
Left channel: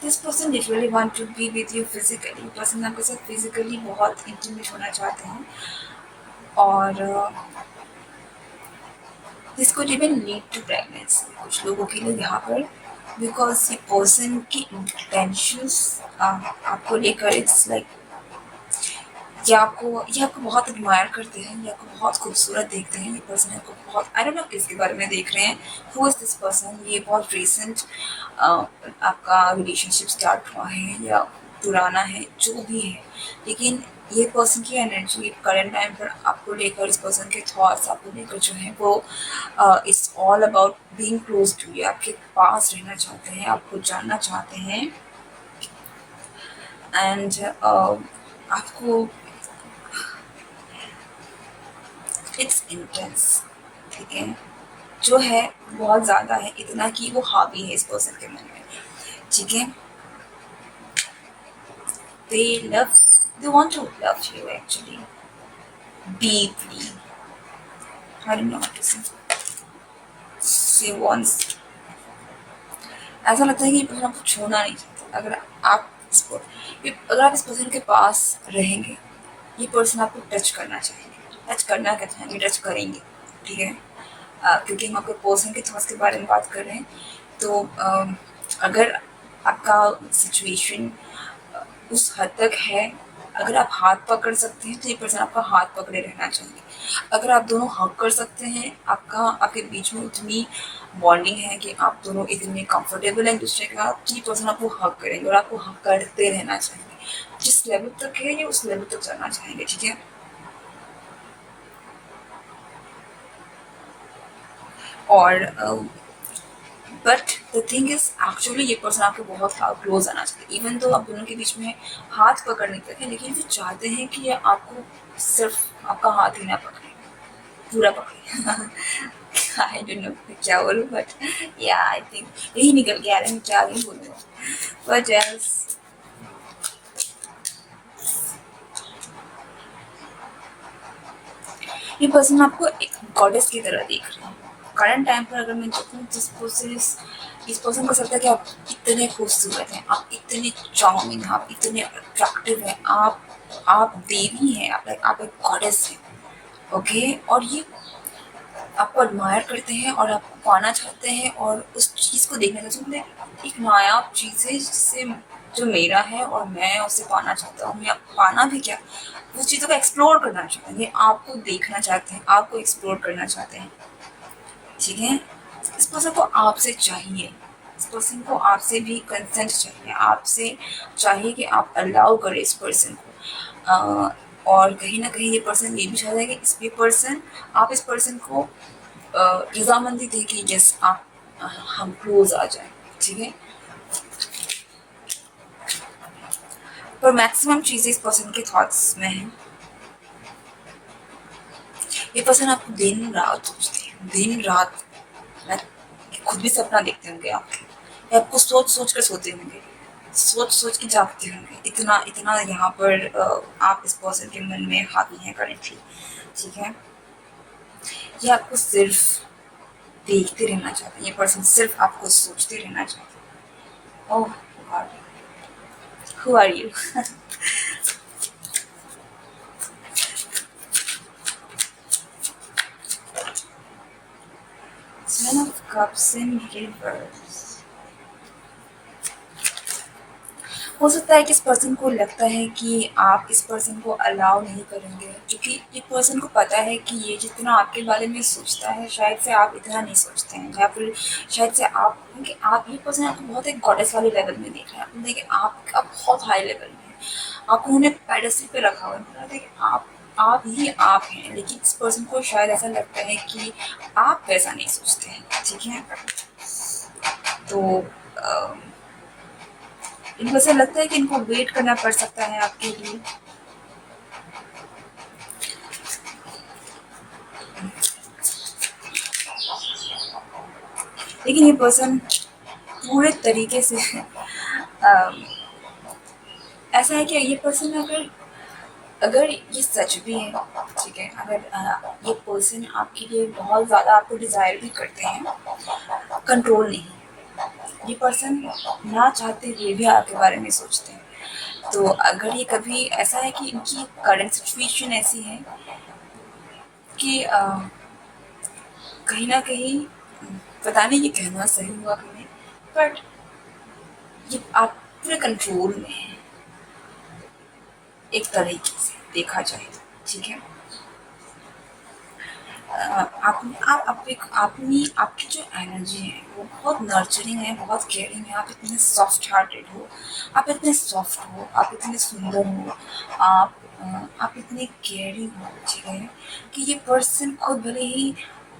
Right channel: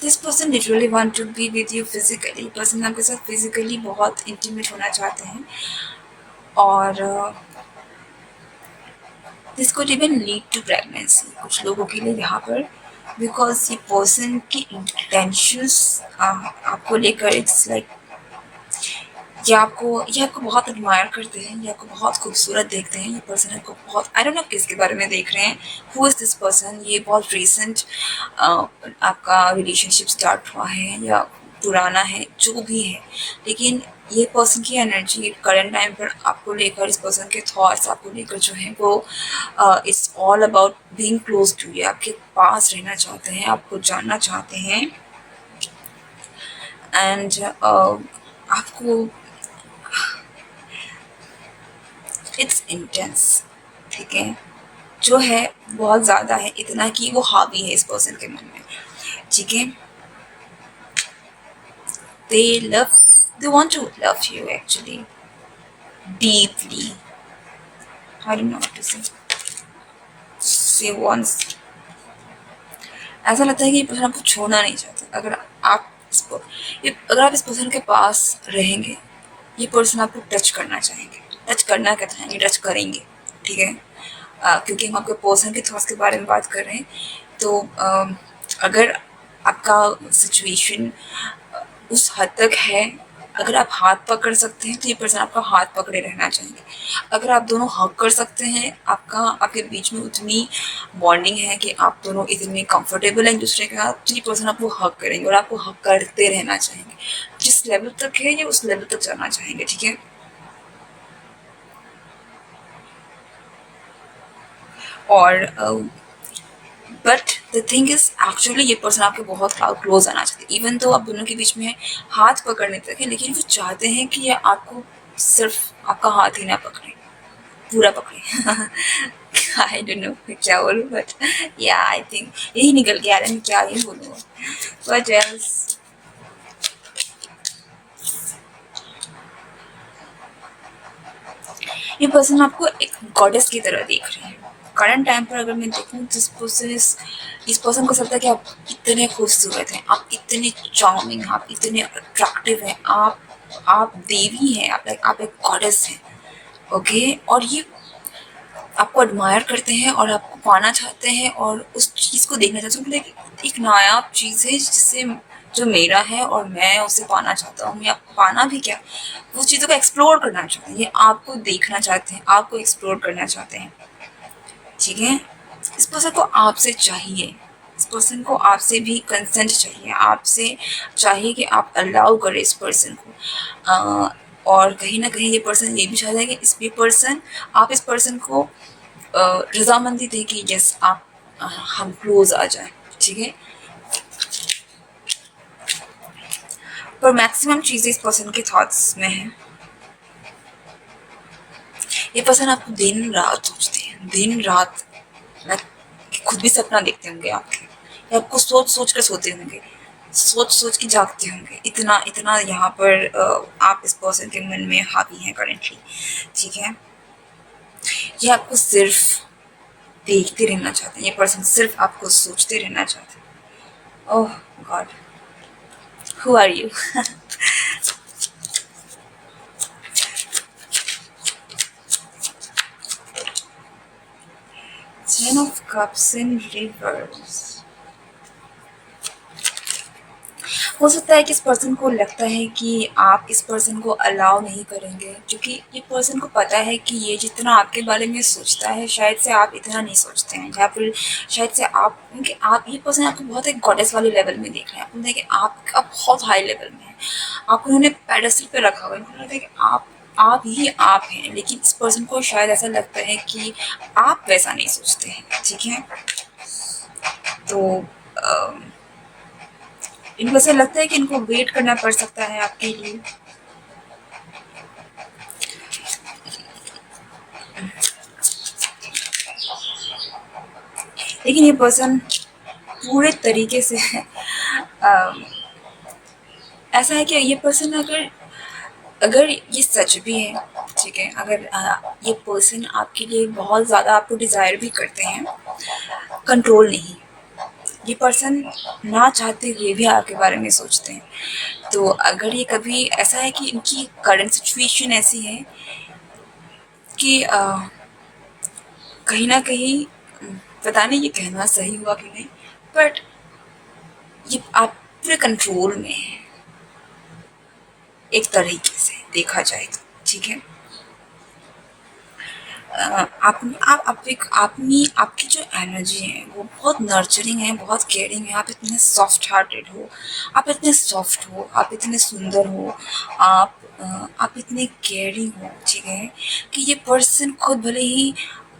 this person literally want to be with you physically. Person आपके साथ फिजिकली बहुत इंटीमेट होना चाहते हैं और this could even lead to pregnancy कुछ लोगों के लिए यहाँ पर, बिकॉज ये पर्सन की इंटेंशंस आपको लेकर इट्स लाइक ये आपको बहुत एडमायर करते हैं, ये आपको बहुत खूबसूरत देखते हैं। ये पर्सन आपको बहुत, आई डोंट नो किसके बारे में देख रहे हैं, हु इज़ दिस पर्सन। ये बहुत रिसेंट आपका रिलेशनशिप स्टार्ट हुआ है या पुराना है, जो भी है, लेकिन ये पर्सन की एनर्जी करंट टाइम पर आपको लेकर, इस पर्सन के थॉट्स आपको लेकर जो है वो it's all about being close to you. आपके पास रहना चाहते हैं, आपको जानना चाहते हैं एंड आपको इट्स इंटेंस, ठीक है, जो है बहुत ज़्यादा है, इतना कि वो हावी है इस पर्सन के मन में, ठीक है। They love, they want to love you actually deeply, I don't know what to say wants, ऐसा लगता है कि ये पर्सन आपको छोड़ना नहीं चाहता। अगर आप इस पर्सन के पास रहेंगे, ये पर्सन आपको टच करना चाहेंगे, टच करना क्या चाहेंगे, टच करेंगे, ठीक है। क्योंकि हम आपके पर्सन के थॉट्स के बारे में बात कर रहे हैं, तो अगर आपका सिचुएशन उस हद तक है, अगर आप हाथ पकड़ सकते हैं तो ये पर्सन आपका हाथ पकड़े रहना चाहिए। अगर आप दोनों हक कर सकते हैं, आपके बीच में उतनी बॉन्डिंग है कि आप दोनों इतने कंफर्टेबल हैं एक दूसरे के साथ, तो ये पर्सन आपको हक करेंगे और आपको हक करते रहना चाहेंगे। जिस लेवल तक है ये उस लेवल तक जाना चाहेंगे, ठीक है। और but the thing is actually ये पर्सन आपके बहुत क्लोज आना चाहते हैं, इवन तो आप दोनों के बीच में हाथ पकड़ने तक है, लेकिन वो चाहते हैं कि ये आपको सिर्फ आपका हाथ ही ना पकड़े, पूरा पकड़े। आई डोंट नो क्या बोलूँ, बट या आई थिंक यही निकल के आ रहा है, मैं क्या ही बोलूँ, बट यस ये पर्सन आपको एक गॉडेस की तरह देख रहे हैं। करंट टाइम पर अगर मैं देखूँ तो इस पर्सन को लगता है कि आप इतने खूबसूरत हैं, आप इतने चार्मिंग हैं, आप इतने अट्रैक्टिव हैं, आप देवी हैं, आप एक गॉडेस हैं, ओके। और ये आपको एडमायर करते हैं और आपको पाना चाहते हैं और उस चीज़ को देखना चाहते हैं, मतलब एक नायाब चीज़ है जिससे जो मेरा है और मैं उसे पाना चाहता हूँ, या पाना भी क्या, उस चीज़ों को एक्सप्लोर करना चाहते हैं, ये आपको देखना चाहते हैं, आपको एक्सप्लोर करना चाहते हैं, ठीक है। इस पर्सन को आपसे चाहिए, इस पर्सन को आपसे भी कंसेंट चाहिए, आपसे चाहिए कि आप अलाउ करें इस पर्सन को। और कहीं ना कहीं ये पर्सन ये भी चाहता है कि आप इस पर्सन को रजामंदी दें कि यस आप हम क्लोज आ जाए, ठीक है। पर मैक्सिमम चीज़ें इस पर्सन के थॉट्स में है। ये पर्सन आपको दिन रात सोचते हैं, दिन रात, मैं खुद भी सपना देखते होंगे आपके, आपको सोच सोच कर सोते होंगे, सोच सोच के जागते होंगे, इतना इतना यहाँ पर आप इस पर्सन के मन में हावी हैं करेंटली, ठीक है। ये आपको सिर्फ देखते रहना चाहते हैं, ये पर्सन सिर्फ आपको सोचते रहना चाहते हैं। Oh god, who are you? Ten of cups in reverse. हो सकता है कि इस पर्सन को लगता है कि आप इस पर्सन को अलाउ नहीं करेंगे, क्योंकि ये पर्सन को पता है कि ये जितना आपके बारे में सोचता है शायद से आप इतना नहीं सोचते हैं, या फिर शायद से आप, क्योंकि आप, ये पर्सन आपको बहुत एक गॉडेस वाले लेवल में देख रहे हैं। आपको देखिए आप बहुत हाई लेवल में हैं, आपको उन्होंने पेडेस्टल पे रखा हुआ है, उन्होंने कि आप ही आप हैं, लेकिन इस पर्सन को शायद ऐसा लगता है कि आप वैसा नहीं सोचते हैं, ठीक है। तो इनको ऐसा लगता है कि इनको वेट करना पड़ सकता है आपके लिए। लेकिन ये पर्सन पूरे तरीके से ऐसा है कि ये पर्सन अगर अगर ये सच भी है, ठीक है, अगर ये पर्सन आपके लिए बहुत ज़्यादा आपको डिज़ायर भी करते हैं, कंट्रोल नहीं, ये पर्सन ना चाहते हुए भी आपके बारे में सोचते हैं। तो अगर ये कभी ऐसा है कि इनकी करंट सिचुएशन ऐसी है कि कहीं ना कहीं, पता नहीं ये कहना सही हुआ कि नहीं, बट ये आप पूरे कंट्रोल में है एक तरीके से देखा जाए तो, ठीक है। आपकी जो एनर्जी है वो बहुत नर्चरिंग है, बहुत केयरिंग है। आप इतने सॉफ्ट हार्टेड हो, आप इतने सॉफ्ट हो, आप इतने सुंदर हो, आप इतने केयरिंग हो, ठीक है, कि ये पर्सन खुद भले ही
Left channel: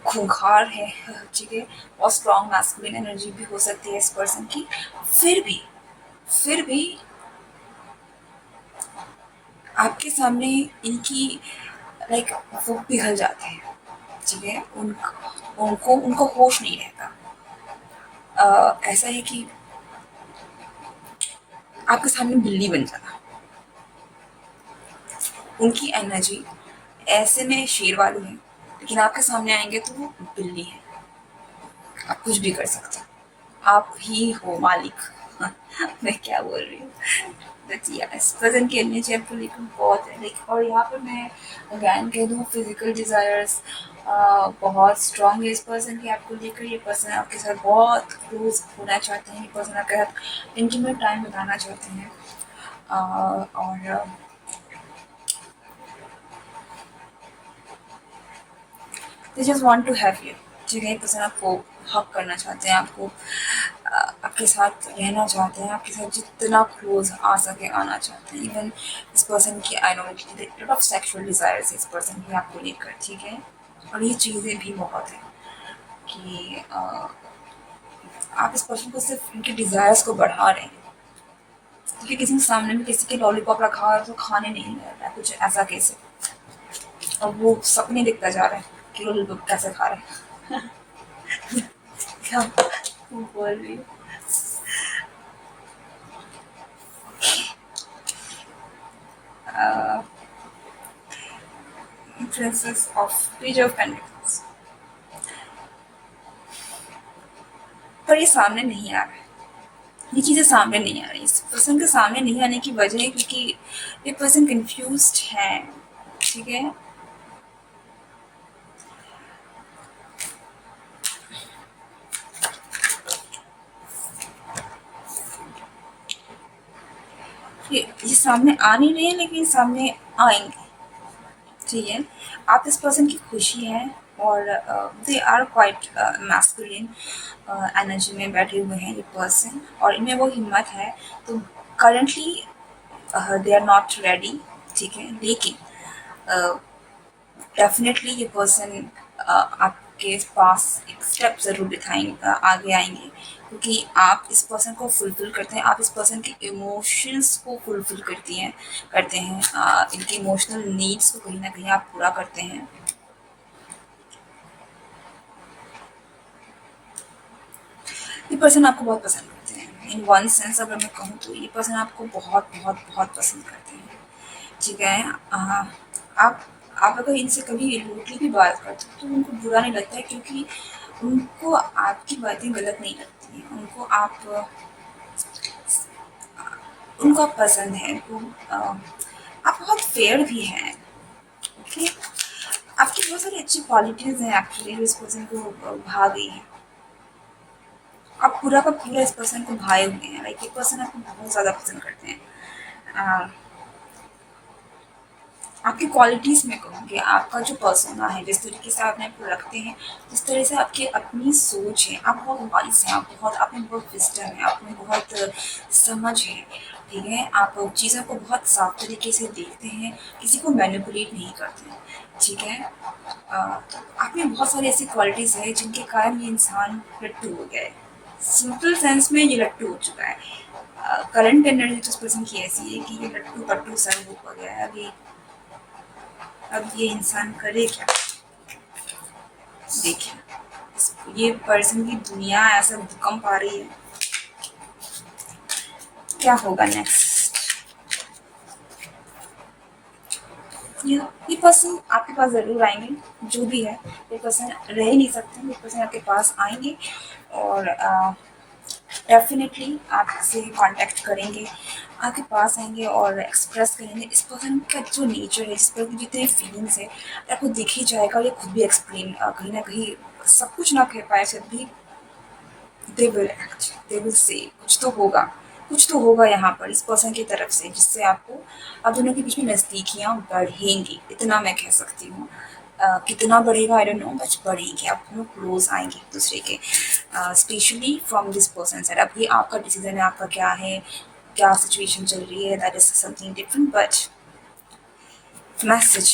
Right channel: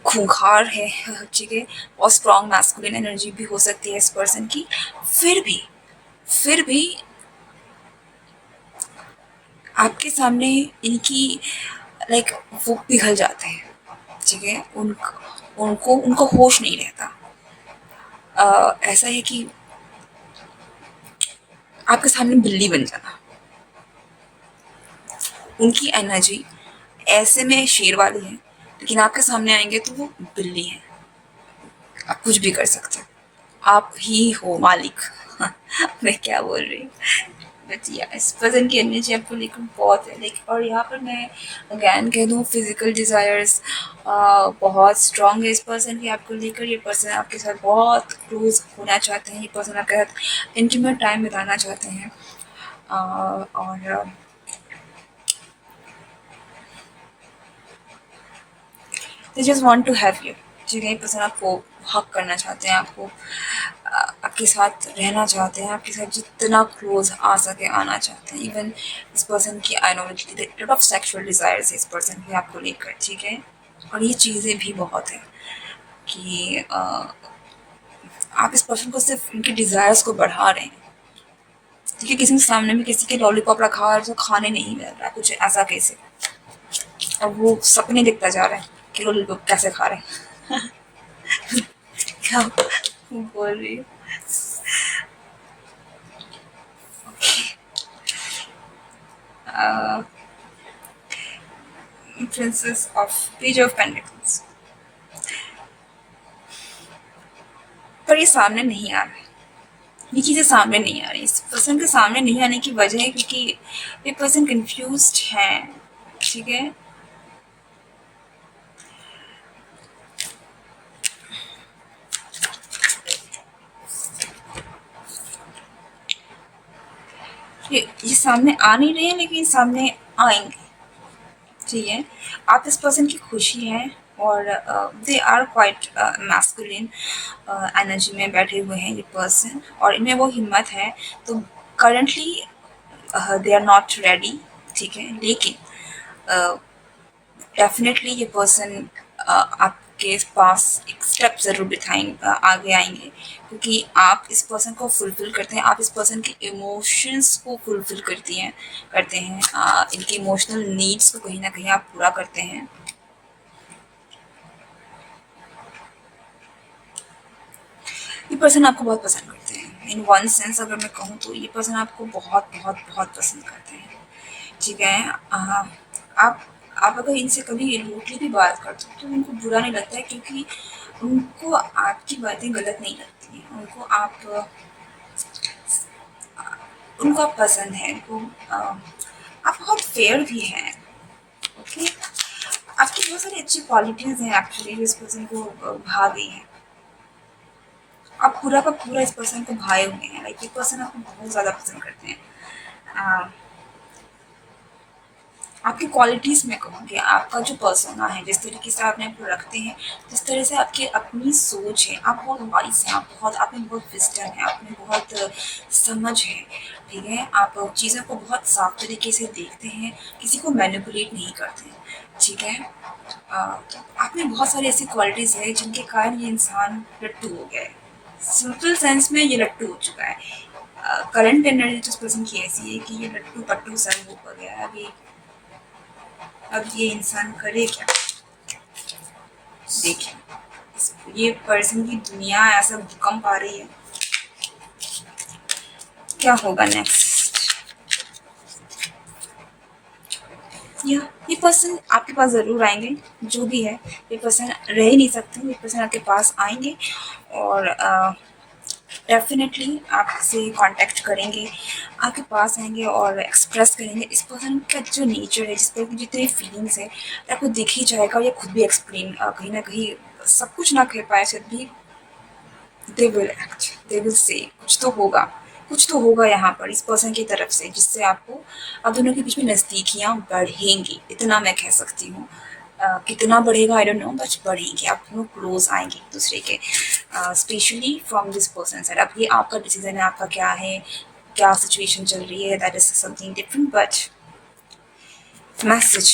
खूंखार है, ठीक है, और स्ट्रॉन्ग मैस्कुलिन एनर्जी भी हो सकती है इस पर्सन की, फिर भी आपके सामने इनकी लाइक वो पिघल जाते हैं, ठीक है। उनको उनको होश नहीं रहता। ऐसा है कि आपके सामने बिल्ली बन जाना, उनकी एनर्जी ऐसे में शेर वाली है, लेकिन आपके सामने आएंगे तो वो बिल्ली है। आप कुछ भी कर सकते हो, आप ही हो मालिक। मैं क्या बोल रही हूँ, बट या इस पर्सन की एनर्जी आपको लेकर बहुत है, लाइक, और यहाँ पर मैं अगैन कह दूँ फिजिकल डिज़ायर्स बहुत स्ट्रांग है इस पर्सन की आपको लेकर। ये पर्सन आपके साथ बहुत क्लोज होना चाहते हैं, ये पर्सन आपके साथ इंटीमेट टाइम बिताना चाहते हैं, और they just want to have you, ठीक है। ये पर्सन आपको हक करना चाहते हैं, आपको आपके साथ रहना चाहते हैं, आपके साथ जितना क्लोज आ सके आना चाहते हैं। इवन इस पर्सन की I know lot of sexual desires है इस पर्सन की आपको लेकर, ठीक है। और ये चीज़ें भी बहुत हैं कि आप इस पर्सन को सिर्फ इनके डिज़ायर्स को बढ़ा रहे हैं, देखिए किसी के सामने में किसी के लॉलीपॉप रखा है तो खाने नहीं मिल रहा, कुछ ऐसा कैसे, और वो सपने दिखता जा रहा है कि लॉलीपॉप कैसे खा रहे हैं। क्या बोल रही हूँ। Princess of page of pentacles, पर ये सामने नहीं आ रहा है, ये चीज़ें सामने नहीं आ रही। इस पर्सन के सामने नहीं आने की वजह है क्योंकि ये पर्सन कंफ्यूज्ड है, ठीक है। ये सामने आ नहीं रहे हैं, लेकिन सामने आएंगे, ठीक है। आप इस पर्सन की खुशी है, और they are quite masculine energy में बैठे हुए हैं ये पर्सन, और इनमें वो हिम्मत है। तो currently they are not ready, ठीक है, लेकिन डेफिनेटली ये पर्सन आपके पास एक स्टेप ज़रूर बिठाएंगे, आगे आएंगे, क्योंकि आप इस पर्सन को फुलफिल करते हैं, आप इस पर्सन के इमोशंस को फुलफिल करते हैं, इनके इमोशनल नीड्स को कहीं ना कहीं आप पूरा करते हैं। ये पर्सन आपको बहुत पसंद करते हैं, इन वन सेंस अगर मैं कहूँ तो ये पर्सन आपको बहुत बहुत बहुत पसंद करते हैं, ठीक है। आप आप अगर इनसे कभी रूडली भी बात करते हो तो उनको बुरा नहीं लगता है, क्योंकि उनको आपकी बातें गलत नहीं लगती हैं, उनको आप पसंद हैं, आप बहुत फेयर भी हैं, ओके। आपकी बहुत सारी अच्छी क्वालिटीज़ हैं एक्चुअली जो इस पर्सन को भा गई हैं। आप पूरा का पूरा इस पर्सन को भाए हुए हैं, लाइक ये पर्सन आपको बहुत ज़्यादा पसंद करते हैं। अ, आपकी क्वालिटीज़ में कहूँगी, आपका जो पर्सोना है, जिस तरीके से आप अपने रखते हैं, जिस तरह से आपकी अपनी सोच है, आप बहुत वाइस हैं, आप में बहुत विज़डम है, आप में बहुत समझ है, ठीक है। आप चीज़ों को बहुत साफ तरीके से देखते हैं, किसी को मैनिपुलेट नहीं करते हैं, ठीक है। तो आप में बहुत सारी ऐसी क्वालिटीज़ है जिनके कारण ये इंसान लट्टू हो गया है। सिंपल सेंस में ये लट्टू हो चुका है। करंट एनर्जी तो इस पर्सन की ऐसी है कि ये लट्टू पट्टू सा हो गया है अभी। अब ये इंसान करे क्या, देखिए ये पर्सन की दुनिया ऐसा भूकंप आ रही है, क्या होगा नेक्स्ट। ये पर्सन आपके पास ज़रूर आएंगे, जो भी है ये पर्सन रह ही नहीं सकते, ये पर्सन आपके पास आएंगे और डेफिनेटली आपसे कांटेक्ट करेंगे, आपके पास आएंगे और एक्सप्रेस करेंगे इस पर्सन का जो नेचर है, जिस पर जितने फीलिंग्स है आपको दिख ही जाएगा, और ये खुद भी एक्सप्लेन कहीं ना कहीं सब कुछ ना कह पाए फिर भी they will act, they will say कुछ तो होगा यहाँ पर इस पर्सन की तरफ से, जिससे आपको आप दोनों के बीच में नज़दीकियाँ बढ़ेंगी, इतना मैं कह सकती हूँ। कितना बढ़ेगा आई डोंट नो, बट बढ़ेंगे, आप दोनों क्लोज आएंगे एक दूसरे के, specially from this person side. अब ये आपका डिसीजन है, आपका क्या है, क्या सिचुएशन चल रही है, that is something different, but message,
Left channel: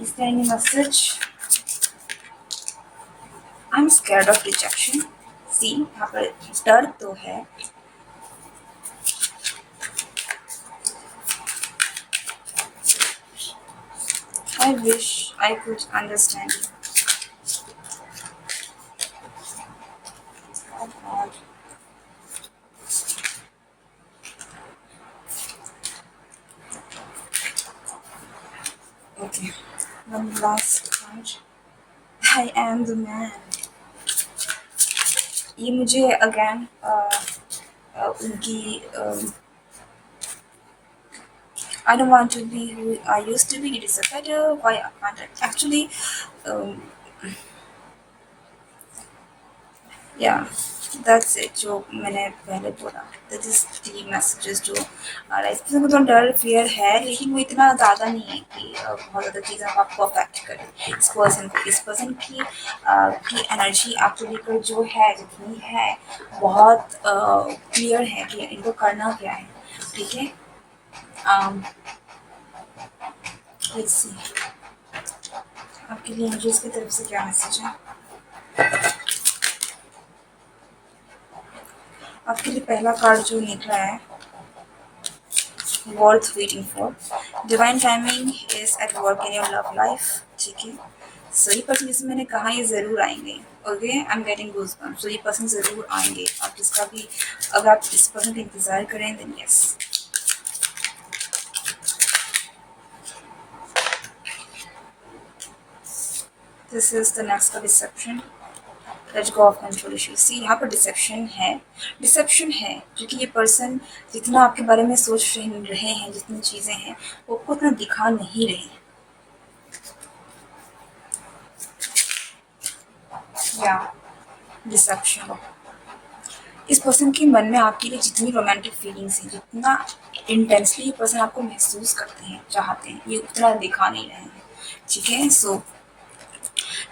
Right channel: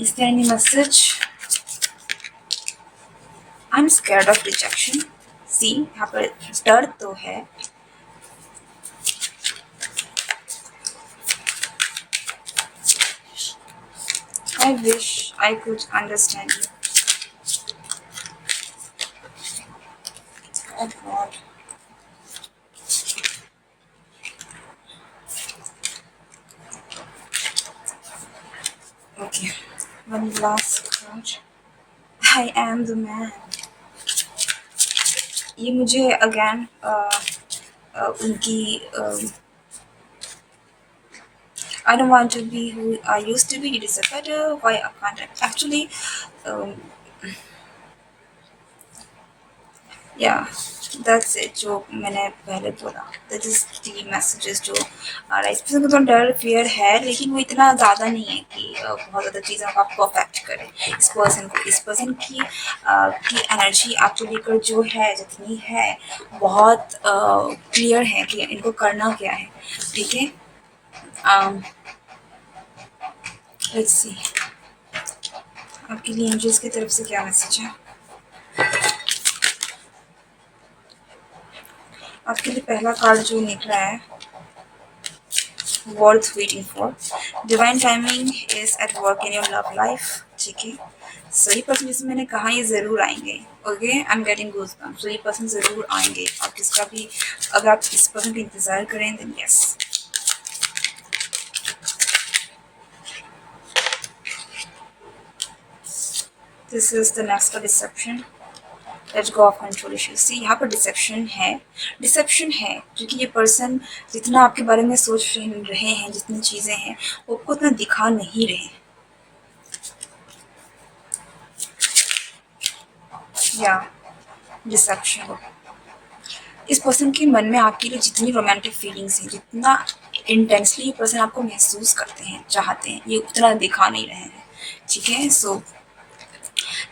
is there any message. I am scared of rejection, see यहाँ पर डर तो है, I wish I could understand you. Oh God. Okay. One last card. I am the man. ये मुझे again उनकी I don't want to be who I used to be. It is a better. Why I can't actually. Um, yeah, that's it. जो मैंने पहले बोला, that is the messages जो इस person को तो डर फियर है, लेकिन वो इतना ज़्यादा नहीं है कि बहुत ज़्यादा चीज़ें आप परफेक्ट करें इस पर्सन को। इस पर्सन की एनर्जी आपको लेकर जो है, जितनी है, बहुत क्लियर है कि इनको करना क्या है, ठीक है। लेट्स सी आपके लिए एंजल्स की तरफ से क्या मैसेज है। आपके लिए पहला कार्ड जो निकला है, worth waiting for, divine timing is at work in your love life, ठीक है। सो ये पर्सन, जैसे मैंने कहा, ये ज़रूर आएंगे, okay. I am getting goosebumps, so ये पर्सन ज़रूर आएंगे। आप जिसका भी, अगर आप इस पर्सन का इंतज़ार करें then yes. This is the next का deception, let's go of control issues. See यहाँ पर डिसेप्शन है क्योंकि ये पर्सन जितना आपके बारे में सोच रहे हैं, जितनी चीज़ें हैं, वो आपको उतना दिखा नहीं रहे, या डिसेप्शन। इस पर्सन के मन में आपके लिए जितनी रोमांटिक फीलिंग्स हैं, जितना इंटेंसली ये पर्सन आपको महसूस करते हैं, चाहते हैं, ये उतना दिखा नहीं रहे हैं, ठीक है। So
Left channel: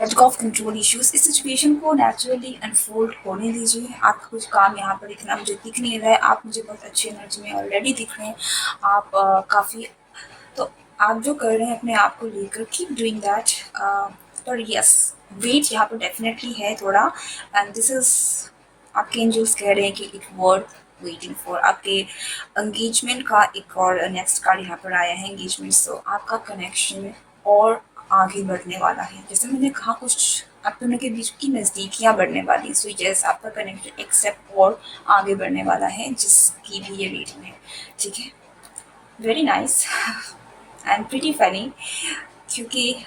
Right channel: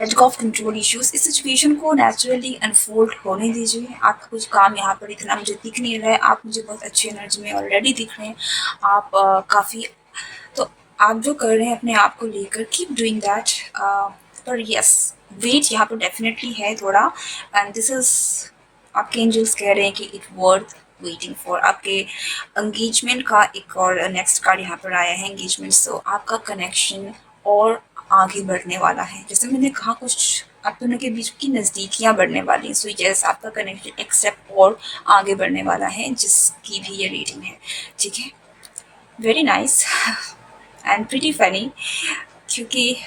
let's go of control issues. इस सिचुएशन को नेचुरली अनफोल्ड होने दीजिए। आपका कुछ काम यहाँ पर इतना मुझे दिख नहीं रहा है, आप मुझे बहुत अच्छी एनर्जी में ऑलरेडी दिख रहे हैं, आप काफ़ी, तो आप जो कर रहे हैं अपने आप को लेकर, कीप डूइंग दैट, पर यस वेट यहाँ पर डेफिनेटली है थोड़ा, एंड दिस इज, आपके एंजल्स कह रहे हैं कि इट वर्थ वेटिंग फॉर। आपके एंगेजमेंट का एक और नेक्स्ट कार्ड यहाँ पर आया है, एंगेजमेंट। सो आपका कनेक्शन और आगे बढ़ने वाला है। जैसे मैंने कहा, कुछ आप दोनों के बीच की नज़दीकियाँ बढ़ने वाली हैं। सो यस, आपका कनेक्शन एक स्टेप और आगे बढ़ने वाला है, जिसकी भी ये रीडिंग है, ठीक है। Very nice and pretty funny, क्योंकि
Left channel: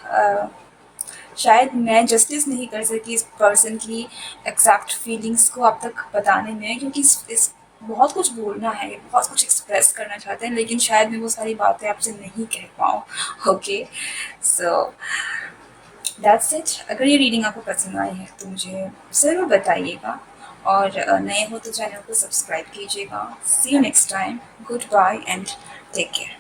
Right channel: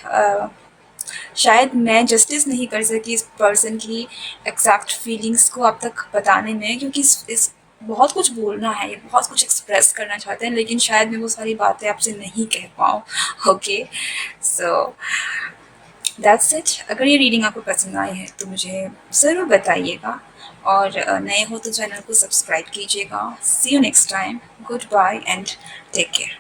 शायद मैं जस्टिस नहीं कर सकी इस पर्सन की एग्जैक्ट फीलिंग्स को आप तक बताने में, क्योंकि इस बहुत कुछ बोलना है, ये बहुत कुछ एक्सप्रेस करना चाहते हैं, लेकिन शायद मैं वो सारी बातें आपसे नहीं कह पाऊँ। Okay, so that's it. अगर ये रीडिंग आपको पसंद आई है तो मुझे ज़रूर बताइएगा, और नए हो तो चैनल को सब्सक्राइब कीजिएगा। See you next time, good bye and take care.